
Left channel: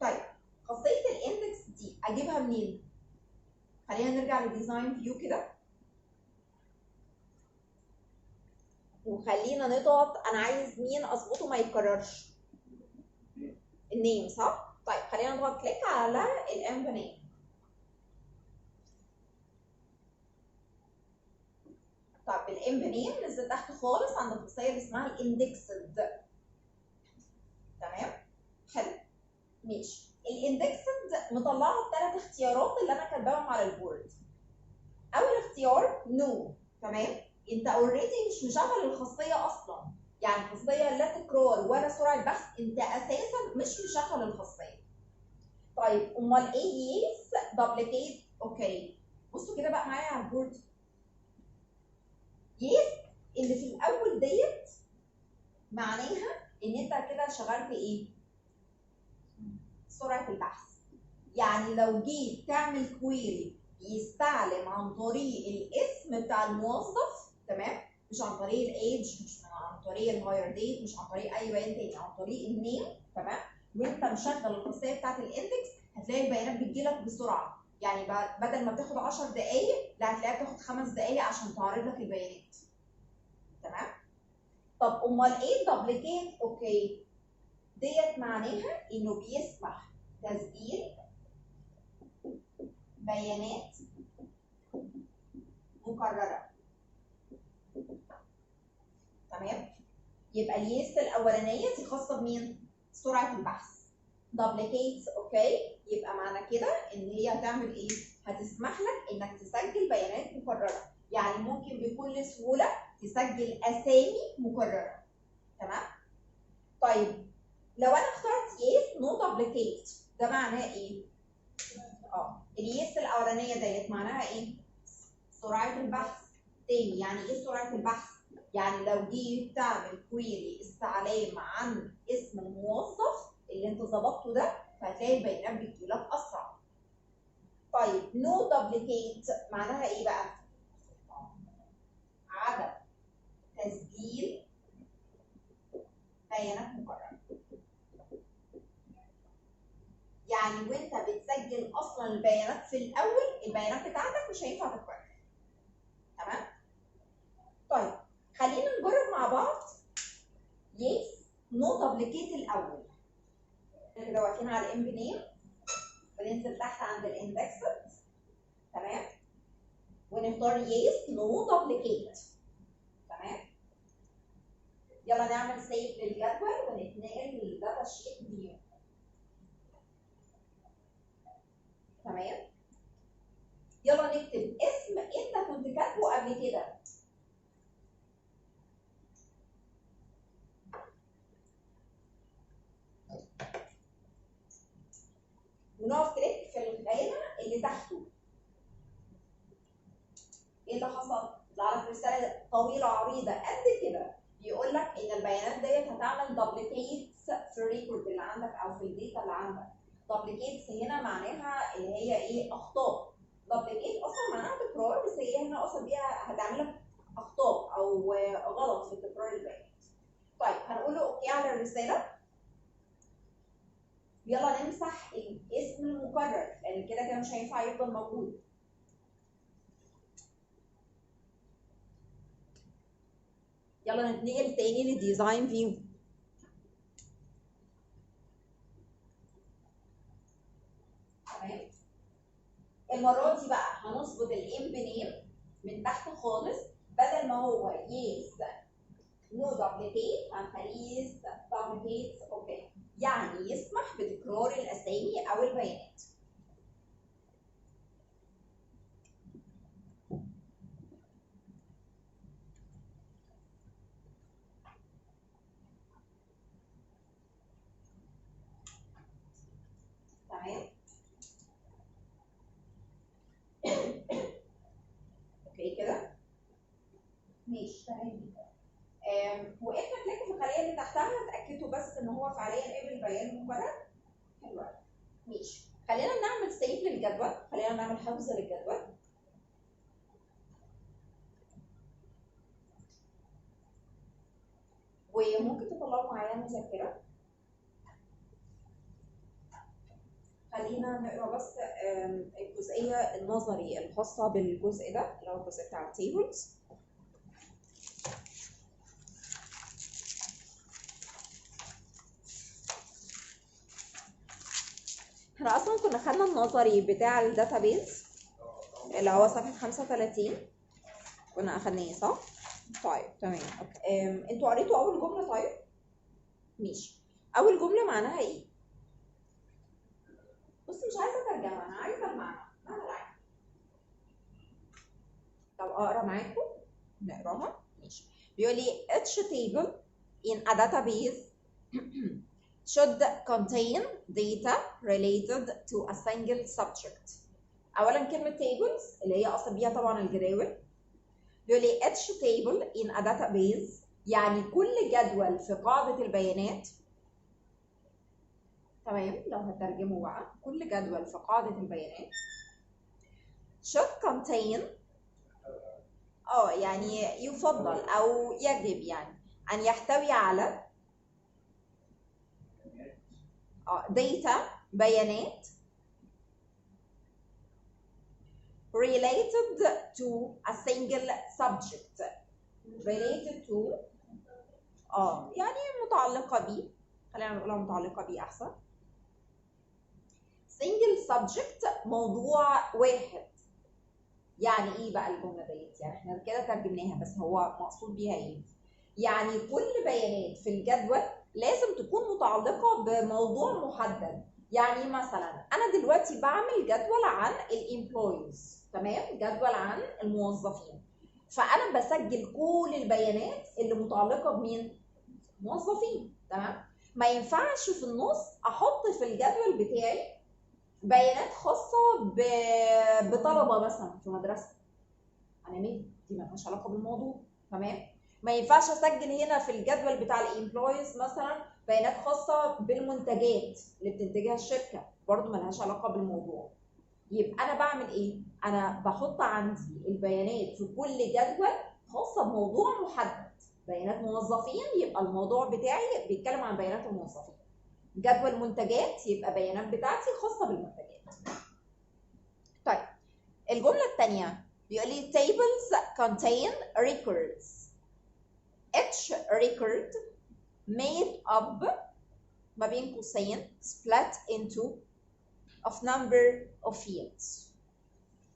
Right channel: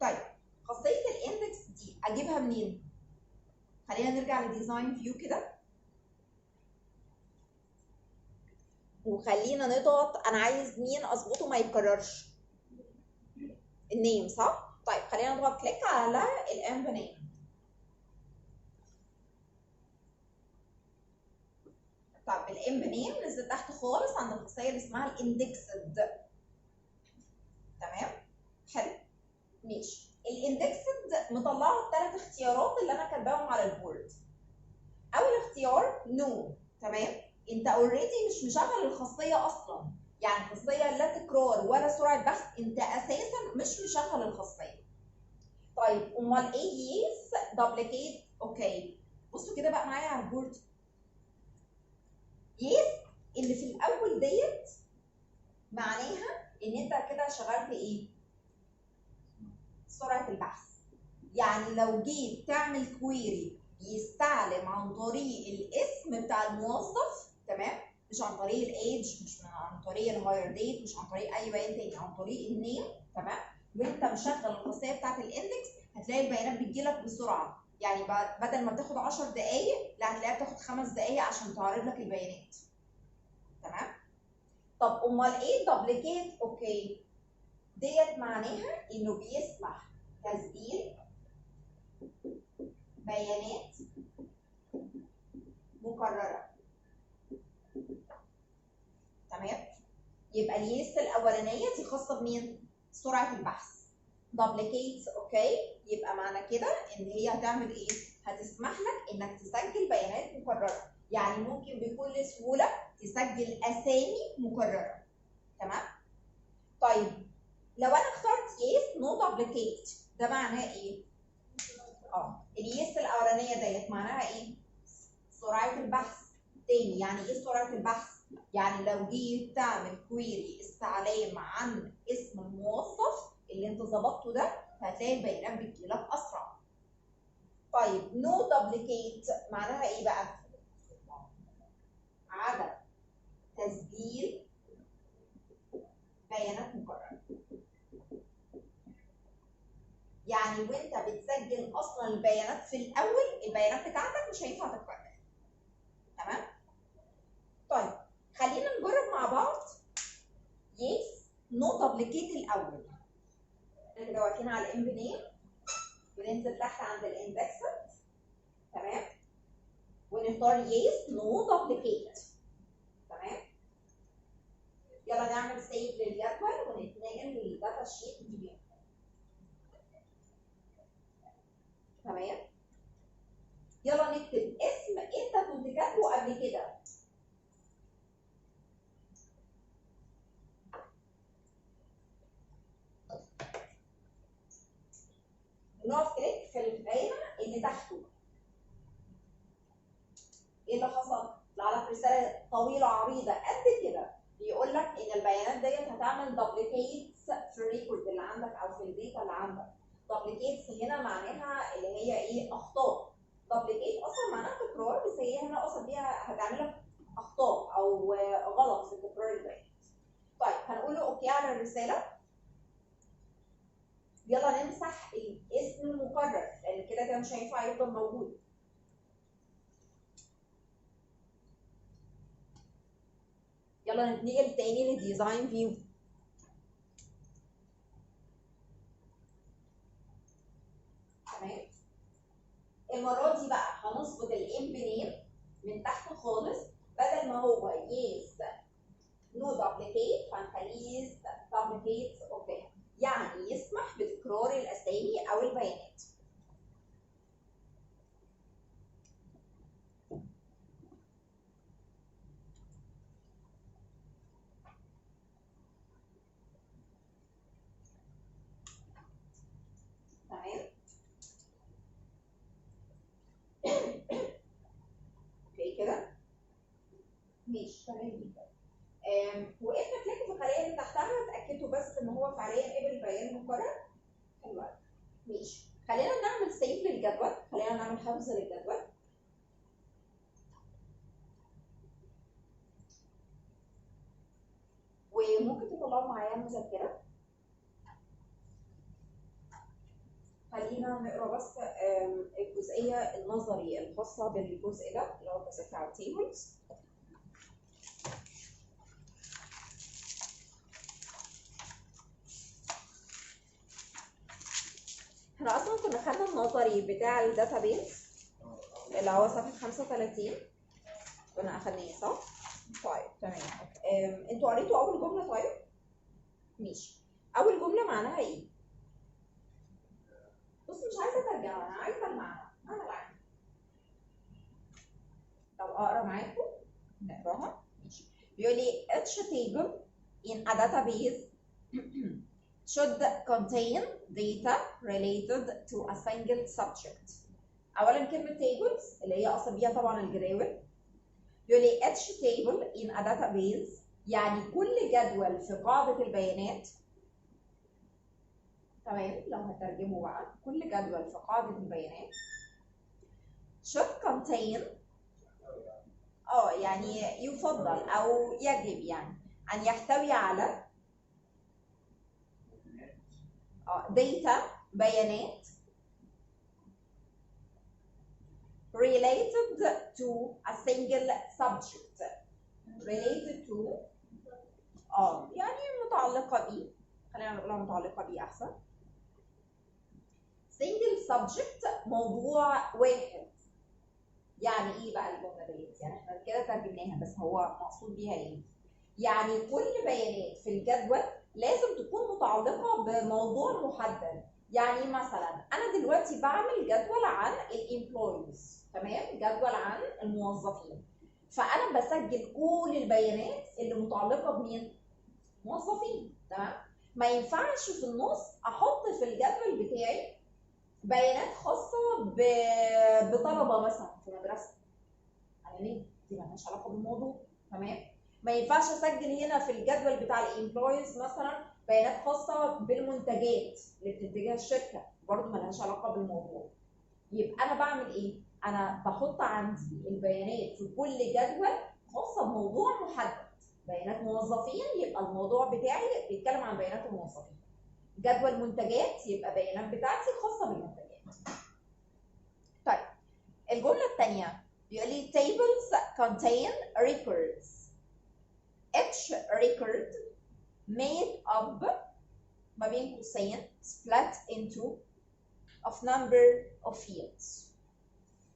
طيب خاصيه الاندكس دي اجيبها منين؟ خلينا نرجع للديزاين فيو كده، وخلينا نضغط. انا عايز مين اظبطه ما يتكررش؟ النيم، صح؟ طيب خلينا نضغط كليك على الام نيم. طب الام نيم نزل تحت خالص عند الخاصيه اللي اسمها الاندكسد. تمام، حلو، ماشي. الاندكسد مطلعه الثلاث اختيارات اللي انا كاتباهم على البورد. اول اختيار نو. تمام، انت اوريدي مش مشغل الخاصيه اصلا، يعني خاصيه لا تكرار ولا سرعه بحث، انت اساسا مش مشغل الخاصيه. طيب امال ايه يس دوبليكيت؟ اوكي، بصوا كده بقى معايا على البورد. يس اللي في الاول ديت معناها ان انت كده شغلت ايه؟ سرعه البحث. يعني لو جيت تعمل كويري يستعلم عن طريق الاسم بتاع الموظف، تمام، مش عن طريق الايدج، مش عن طريق الهاير ديت، مش عن طريق اي بيان تاني، عن طريق النيم، تمام، وانت مشغل الخاصيه بتاعت الاندكس، هتلاقي البيانات بتجيلك بسرعه. يعني بدل ما بتاخد 10 دقائق، لا هتلاقيها بتاخد 5 دقائق عشان تعرض لك البيانات. تمام. طب امال ايه دوبليكيت؟ اوكي، ديت معناها انه بيسمح تسجيل بيانات مكرره. تمام، يبقى اليس الاولانيه دي خاصه بمين؟ سرعه البحث. دوبليكيتس، اوكي، يبقى معنى كده ان هي هتعمل ايه؟ هتسمح لك انك تسجل بيانات مكرره، يعني ممكن بكل سهوله تسجل اسامي مكرره. تمام. طيب لو انا اخترت يس نو دبليكيت ده معناه ايه؟ اليس الاولانيه ديت معناها ايه؟ سرعه البحث. تاني يعني ايه سرعه البحث؟ يعني لو جيت تعمل كويري استعلام عن اسم الموظف اللي انت ظبطته ده هتلاقي البيانات بتجيلك اسرع. طيب نو دبليكيت معناها ايه بقى؟ عدم تسجيل بيانات مكرره. يعني وانت بتسجل اصلا البيانات في الاول البيانات بتاعتك مش هينفع تتكرر. تمام؟ طيب خلينا نجرب مع بعض يس نو دبليكيت الاول. كده واقفين على الام بنيم، بننزل تحت عند الاندكسد. تمام؟ ونختار يس نو دبليكيت. تمام؟ يلا نعمل سيف للجدول ونتنقل للداتا شيت فيو. تمام؟ يلا نكتب اسم انت كنت كاتبه قبل كده. ونقف كليك في الخانه اللي تحته. ايه اللي حصل؟ طلع لك رساله طويله عريضه قد كده بيقول لك ان البيانات ديت هتعمل دوبليكيتس في الريكورد اللي عندك او في الداتا اللي عندك. دوبليكيتس هنا معناها اللي هي ايه؟ اخطاء. دوبليكيت اصلا معناها تكرار، بس هي هنا اقصد بيها هتعمل لك اخطاء او غلط في تكرار البيانات. طيب هنقول له اوكي على الرساله. يلا نمسح الاسم المكرر لان كده كده مش هينفع يفضل موجود. يلا نتنقل تاني للديزاين فيو. تمام؟ المره دي بقى هنظبط الام بنيم من تحت خالص، بدل ما هو يس نو دبليكيت هنخليه يس دبليكيت اوكي، يعني يسمح بتكرار الاسامي او البيانات. تمام؟ اوكي كده ماشي تمام جدا. وقفنا كليك في الخليه اللي تحتها، اتاكدوا بس ان هو فعليا قبل بيان مكرر. حلو قوي. ماشي، خلينا نعمل سيف للجدول، خلينا نعمل حفظ للجدول. وممكن تطلعوا معايا مذكره. خلينا نقرا بس الجزئيه النظري الخاصه بالجزء ده اللي هو الجزء بتاع التيبلز. احنا اصلا كنا خدنا النظري بتاع الداتابيز اللي هو صفحه 35 كنا اخدناه صح؟ طيب تمام. انتوا قريتوا اول جمله؟ طيب ماشي. اول جمله معناها ايه؟ بص مش عايزه ترجمه، انا عايزه المعنى. معنى العام. طب اقرا معاكم؟ نقراها. ماشي. بيقول لي each table in a database should contain data related to a single subject. اولا كلمه tables اللي هي اصلا بيها طبعا الجداول. بيقول لي each table in a database يعني كل جدول في قاعده البيانات. تمام؟ لو هترجمه بقى كل جدول في قاعده البيانات should contain يعني يفضل او يجب يعني ان يحتوي على data بيانات related to a single subject. related to يعني متعلقة بيه، خلينا نقولها متعلقة بيه أحسن. single subject موضوع واحد. يعني إيه بقى الجملة ديت؟ يعني إحنا كده ترجمناها بس هو مقصود بيها إيه؟ يعني كل بيانات في الجدول لازم تكون متعلقة بموضوع محدد. يعني مثلا أنا دلوقتي بعمل جدول عن الامبلويز، تمام؟ جدول عن الموظفين. فأنا بسجل كل البيانات اللي متعلقة بمين؟ موظفين، تمام؟ ما ينفعش في النص احط في الجدول بتاعي بيانات خاصه بطلبه مثلا في مدرسه. انا مين؟ دي مالهاش علاقه بالموضوع. تمام. ما ينفعش اسجل هنا في الجدول بتاع الامبلويز مثلا بيانات خاصه بالمنتجات اللي بتنتجها الشركه، برضو مالهاش علاقه بالموضوع. يبقى انا بعمل ايه؟ انا بحط عندي البيانات في كل جدول خاصه بموضوع محدد. بيانات موظفين يبقى الموضوع بتاعي بيتكلم عن بيانات الموظفين. جدول منتجات يبقى بيانات بتاعتي خاصه بالمنتجات. طيب الجمله الثانيه بيقول لي tables contain records. each record made up ما بين قوسين split into of number of fields.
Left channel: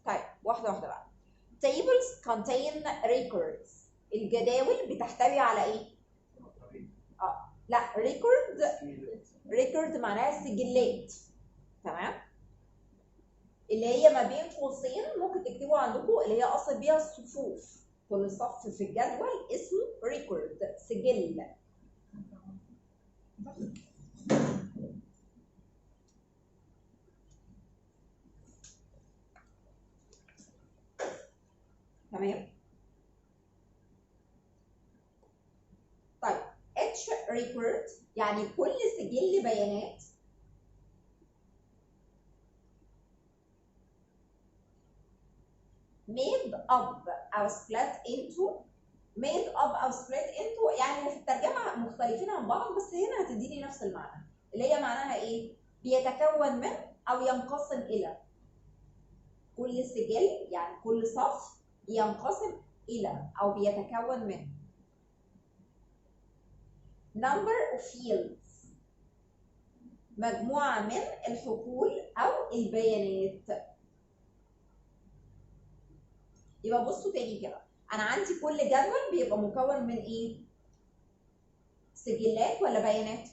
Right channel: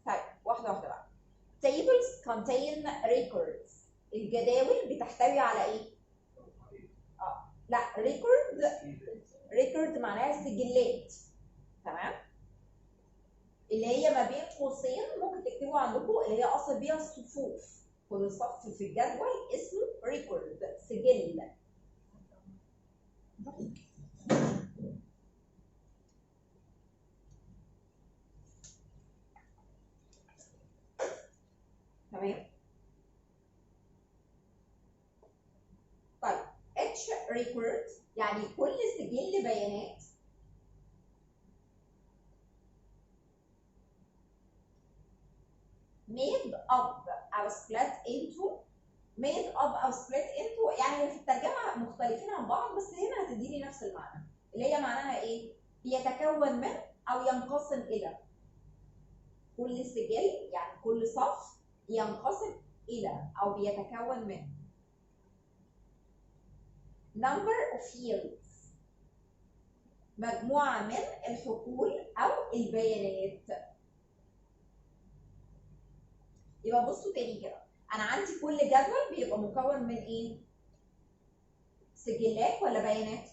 طيب واحده واحده بقى. tables contain records. الجداول بتحتوي على ايه؟ لا record معناها سجلات. تمام. اللي هي ما بين قوسين ممكن تكتبوا عندكم اللي هي اصل بيها الصفوف. كل صف في الجدول اسمه record، سجل. تمام. طيب each record يعني كل سجل بيانات made up أو split into. made up أو split into يعني في الترجمة مختلفين عن بعض، بس هنا هتديني نفس المعنى اللي هي معناها إيه؟ بيتكون من أو ينقسم إلى. كل سجل يعني كل صف ينقسم إلى أو بيتكون من number of fields مجموعة من الحقول أو البيانات. يبقى بصوا تاني كده، انا عندي كل جدول بيبقى مكون من ايه؟ سجلات ولا بيانات؟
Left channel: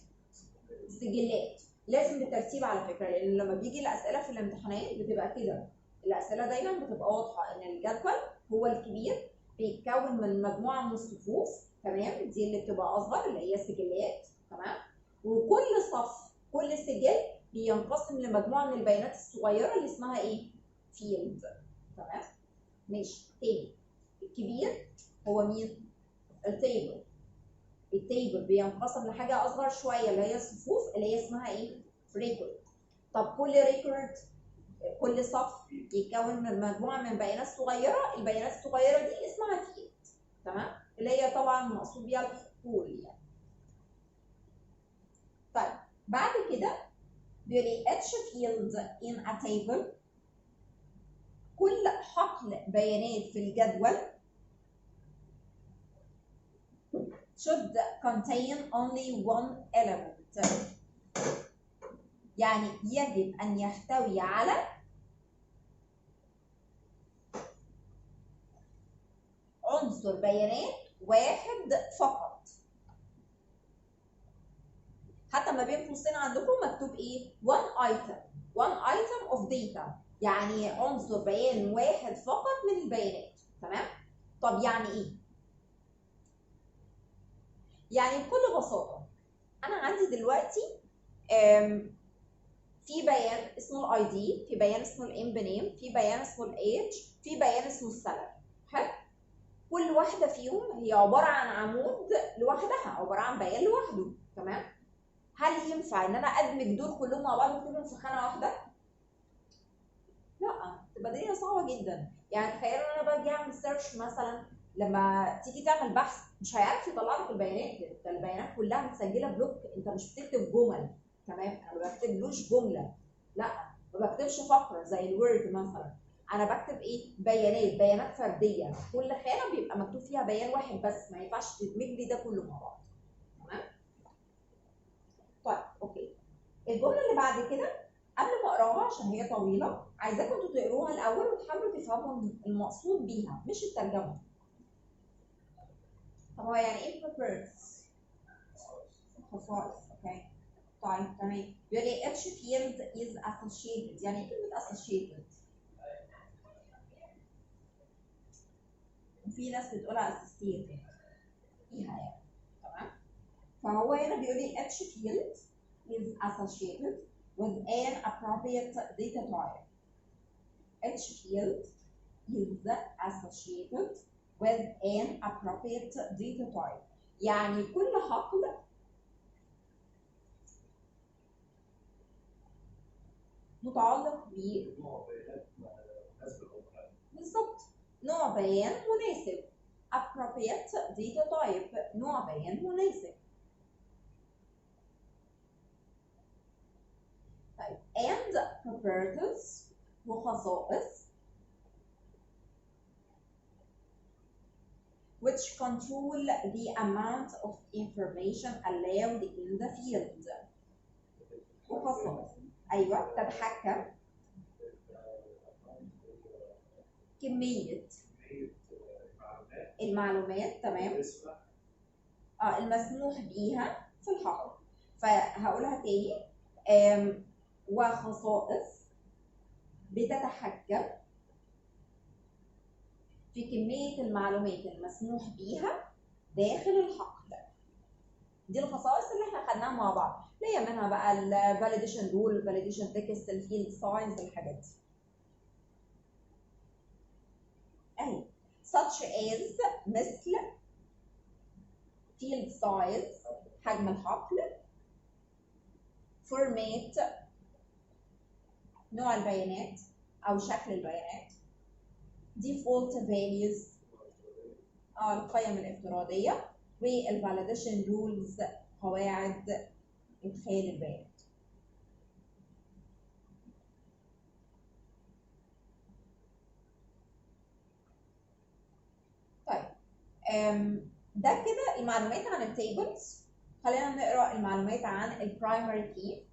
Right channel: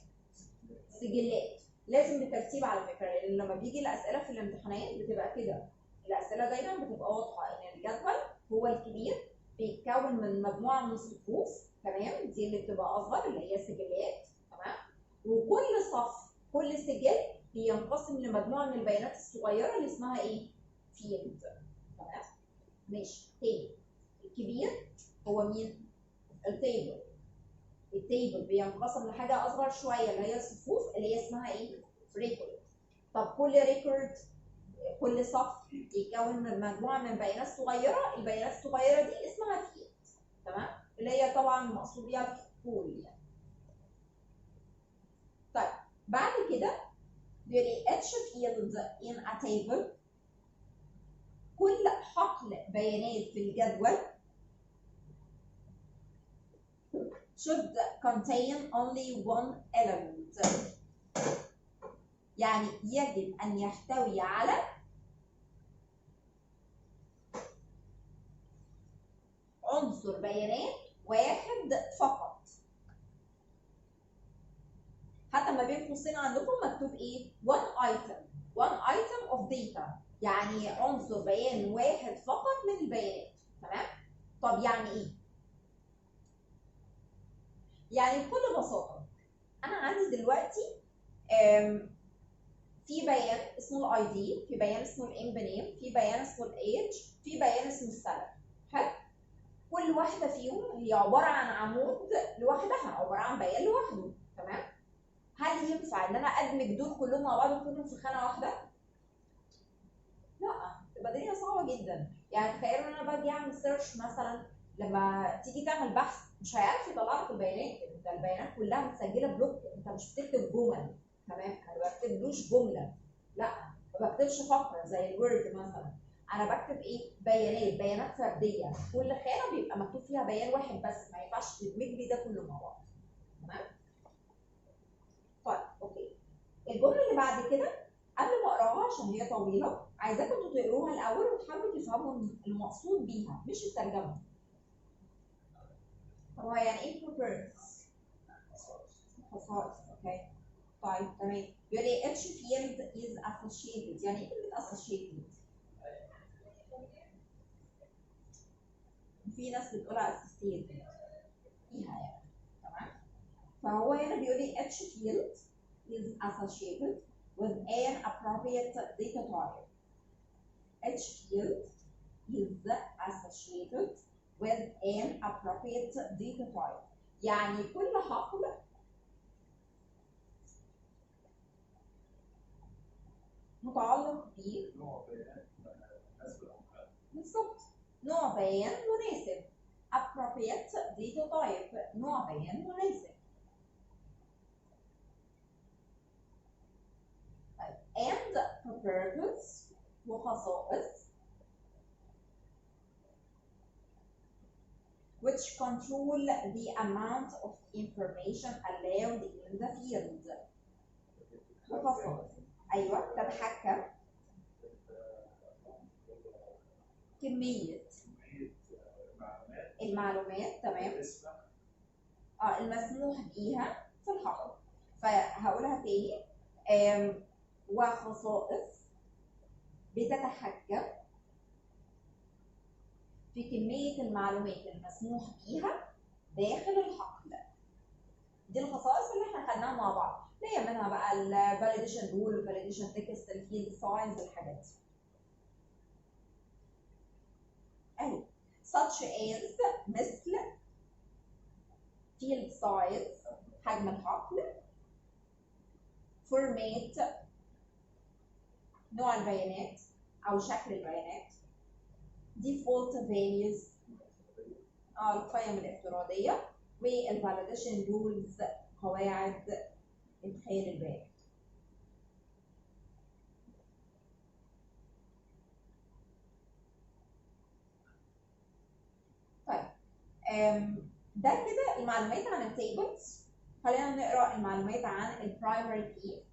سجلات. لازم بالترتيب على فكره، لان لما بيجي الاسئله في الامتحانات بتبقى كده. الاسئله دايما بتبقى واضحه ان الجدول هو الكبير بيتكون من مجموعه من الصفوف. تمام. دي اللي بتبقى اصغر اللي هي سجلات. تمام. وكل صف كل سجل بينقسم لمجموعه من البيانات الصغيره اللي اسمها ايه؟ فيلد. تمام. ماشي. تاني، الكبير هو مين؟ التيبل. التيبل بينقسم لحاجه اصغر شويه اللي هي الصفوف اللي هي اسمها ايه؟ ريكورد. طب كل ريكورد كل صف يتكون من مجموعه من بيانات صغيره، البيانات الصغيره دي اسمها فيلد. تمام. اللي هي طبعا مقصود بيها الحقول يعني. طيب بعد كده بيقول لي each field in a table. كل حقل بيانات في الجدول should contain only one element. يعني يجب أن يحتوي على عنصر بيانات واحد فقط. حتى ما بين قوسين عندكم مكتوب ايه؟ one item of data، يعني عنصر بيان واحد فقط من البيانات. تمام؟ طب يعني ايه؟ يعني بكل بساطة أنا عندي دلوقتي في بيان اسمه الاي دي، في بيان اسمه الام نيم، في بيان اسمه الايج، في بيان اسمه السالري. حلو؟ كل واحده فيهم هي عباره عن عمود لوحدها، عباره عن بيان لوحده. تمام؟ هل ينفع ان انا ادمج دول كلهم مع بعض وكلهم في خانه واحده؟ لا، تبقى الدنيا صعبه جدا. يعني تخيلوا ان انا باجي اعمل سيرش مثلا، لما تيجي تعمل بحث مش هيعرف يطلع لك البيانات. انت البيانات كلها متسجله بلوك، انت مش بتكتب جمل. تمام؟ انا ما بكتبلوش جمله، لا، ما بكتبش فقره زي الوورد مثلا. انا بكتب ايه؟ بيانات فرديه، كل خانه بيبقى مكتوب فيها بيان واحد بس، ما ينفعش تدمج لي ده كله مع بعض. تمام؟ طيب اوكي. الجمله اللي بعد كده قبل ما اقراها عشان هي طويله، عايزاكم انتوا تقروها الاول وتحاولوا تفهموا المقصود بيها مش الترجمه. طب هو يعني ايه preference؟ خصائص. اوكي. طيب تمام. بيقول لي each field is associated. يعني ايه كلمه associated؟ في ناس بتقولها associated فيها يعني. تمام؟ فهو هنا بيقول لي each field is associated with an appropriate data type. Each field is associated with an appropriate data type. يعني كل حقل متعلق ب نوع بيانات مناسبة أو مخالفة. بالظبط نوع بيان مناسب. appropriate data type نوع بيان مناسب. طيب and properties وخصائص which control the amount of information allowed in the field. وخصائص ايوه تتحكم كمية المعلومات تمام المسموح بيها في الحقل. فهقولها تاني وخصائص بتتحكم في كمية المعلومات المسموح بيها داخل الحقل. دي الخصائص اللي احنا خدناها مع بعض، اللي هي منها بقى الفاليديشن رول، الفاليديشن تكست، الفيلد ساينز، الحاجات دي. اهي such as مثل field size حجم الحقل، format نوع البيانات او شكل البيانات، default values القيم الافتراضيه، والفاليديشن رولز قواعد ادخال البيانات. طيب ده كده المعلومات عن التيبلز. خلينا نقرا المعلومات عن البرايمري كي.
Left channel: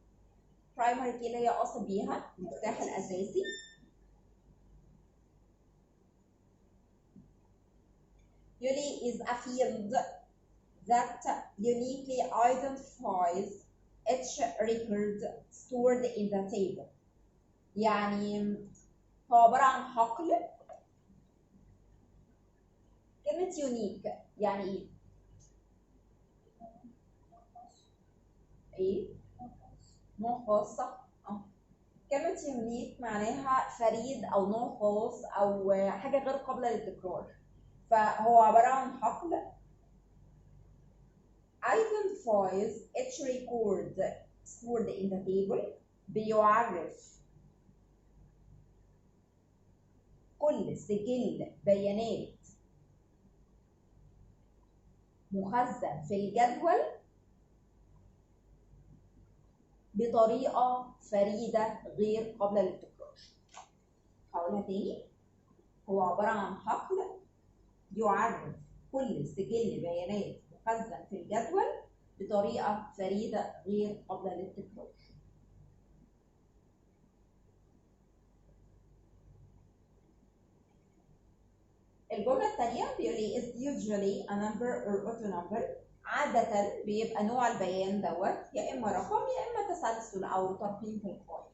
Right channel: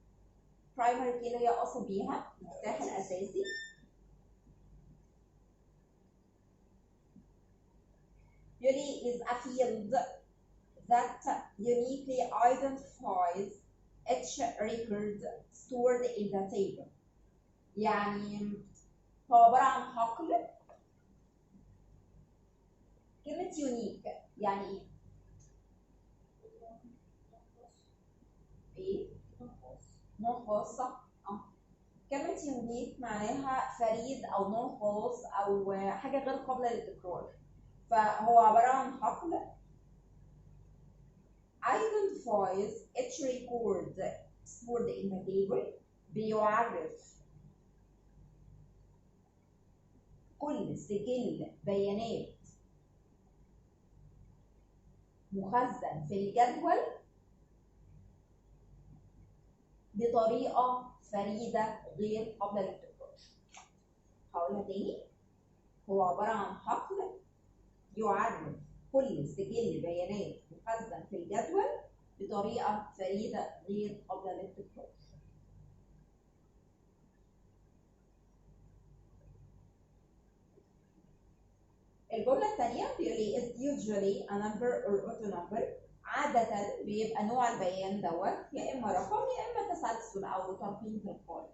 برايمري كي اللي هي قصد بيها المفتاح الاساسي. Really is a field that uniquely identifies each record stored in the table. يعني هو عبارة عن حقل. كلمة unique يعني ايه؟ ايه؟ نوع خاص صح؟ كلمة unique معناها فريد أو نوع خاص أو حاجة غير قابلة للتكرار. فهو عبارة عن حقل identifies each record stored in the table. بيعرف كل سجل بيانات مخزن في الجدول بطريقة فريدة غير قابلة للتكرار. هقولها تاني، هو عبارة عن حقل يعرف كل سجل بيانات مخزن في الجدول بطريقة فريدة غير قابلة للتكرار. الجملة الثانية بيقول لي is usually a number or auto number. عادة بيبقى نوع البيان دوت يا إما رقم يا إما تسلسل أو ترقيم تلقائي.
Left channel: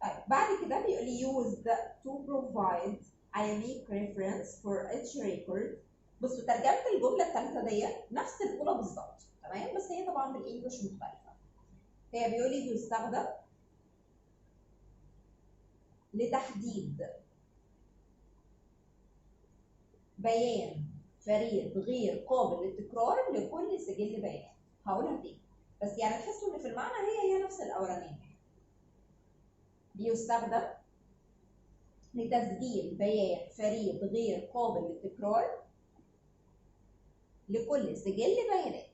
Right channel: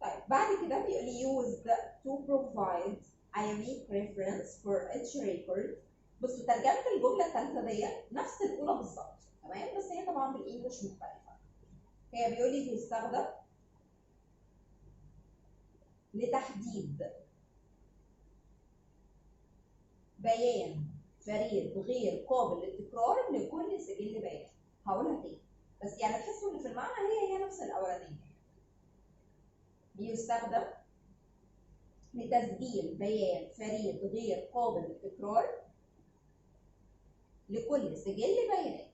طيب بعد كده بيقول لي used to provide a unique reference for each record. بصوا ترجمة الجملة الثالثة دي نفس الأولى بالظبط تمام، بس هي طبعا بالإنجلش مختلفة. هي بيقول لي بيستخدم لتحديد بيان فريد غير قابل للتكرار لكل سجل بيانات. هقولها تاني بس يعني تحسوا ان في المعنى هي نفس الاولانيه. بيستخدم لتسجيل بيان فريد غير قابل للتكرار لكل سجل بيانات.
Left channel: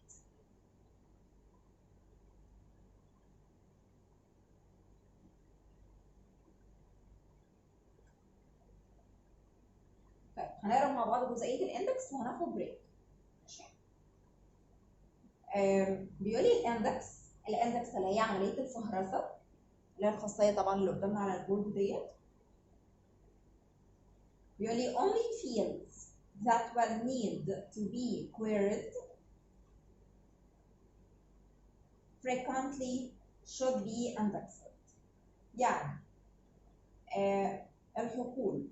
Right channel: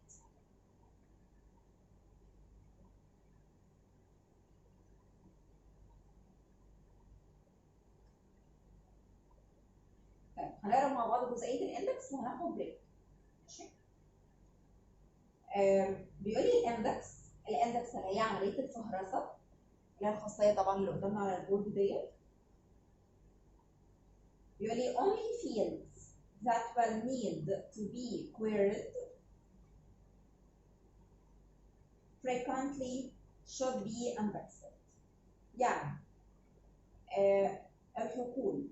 طيب هنقرا مع بعض جزئيه الاندكس وهناخد بريك. ماشي. بيقول لي الاندكس اللي هي عمليه الفهرسه اللي هي الخاصيه طبعا اللي قدامنا على البورد ديت. بيقول لي only fields that will need to be queried frequently should be indexed. يعني الحقول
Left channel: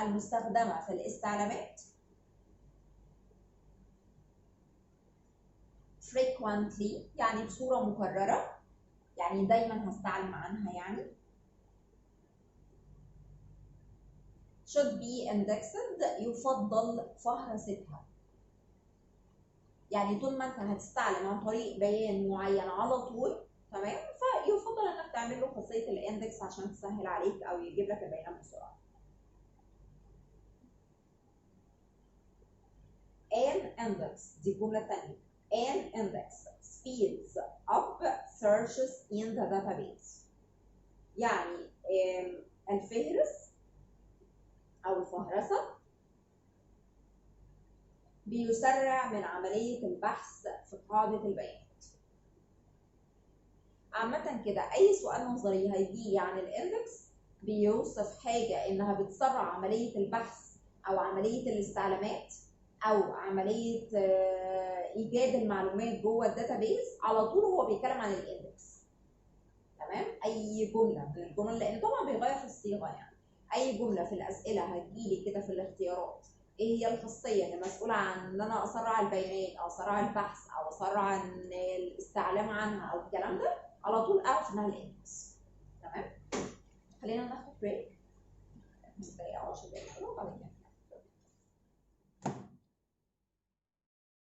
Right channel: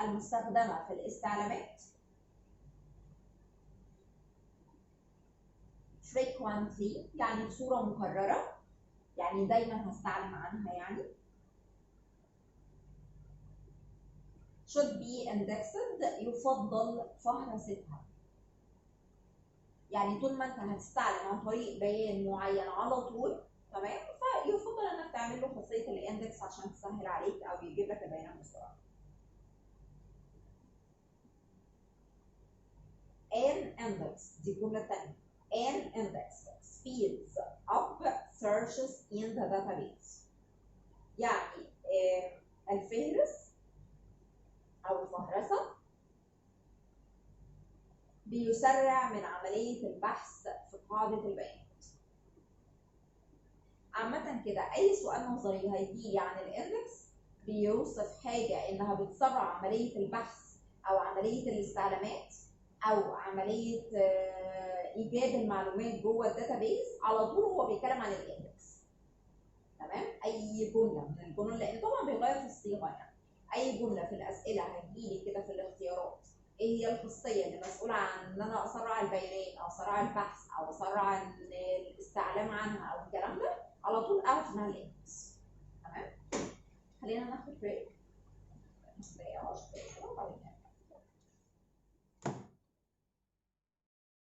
المستخدمة في الاستعلامات frequently يعني بصورة مكررة، يعني دايما هستعلم عنها يعني. should be indexed يفضل فهرستها، يعني طول ما انت هتستعلم عن طريق بيان معين على طول تمام، فيفضل انك تعمل له خاصية الاندكس عشان تسهل عليك او يجيب لك البيانات بسرعة. an index دي الجملة الثانية. an index speeds up searches in the database، يعني الفهرس أو الفهرسة بيسرع من عملية البحث في قاعدة البيانات. عامة كده أي سؤال نظري هيجي عن الاندكس بيوصف حاجة إنها بتسرع عملية البحث أو عملية الاستعلامات أو عملية إيجاد المعلومات جوه الداتابيز، على طول هو بيتكلم عن الاندكس. تمام؟ أي جملة من الجمل، لأن طبعا بيغير في الصيغة يعني. أي جملة في الأسئلة هتجيلي كده في الاختيارات إيه هي الخاصية اللي مسؤولة عن إن أنا أسرع البيانات أو أسرع البحث أو أسرع الاستعلام عنها أو الكلام ده، على طول أعرف إنها الاندكس. تمام؟ خلينا ناخد بريك 5 دقايق أو 10 دقايق كده وبعدين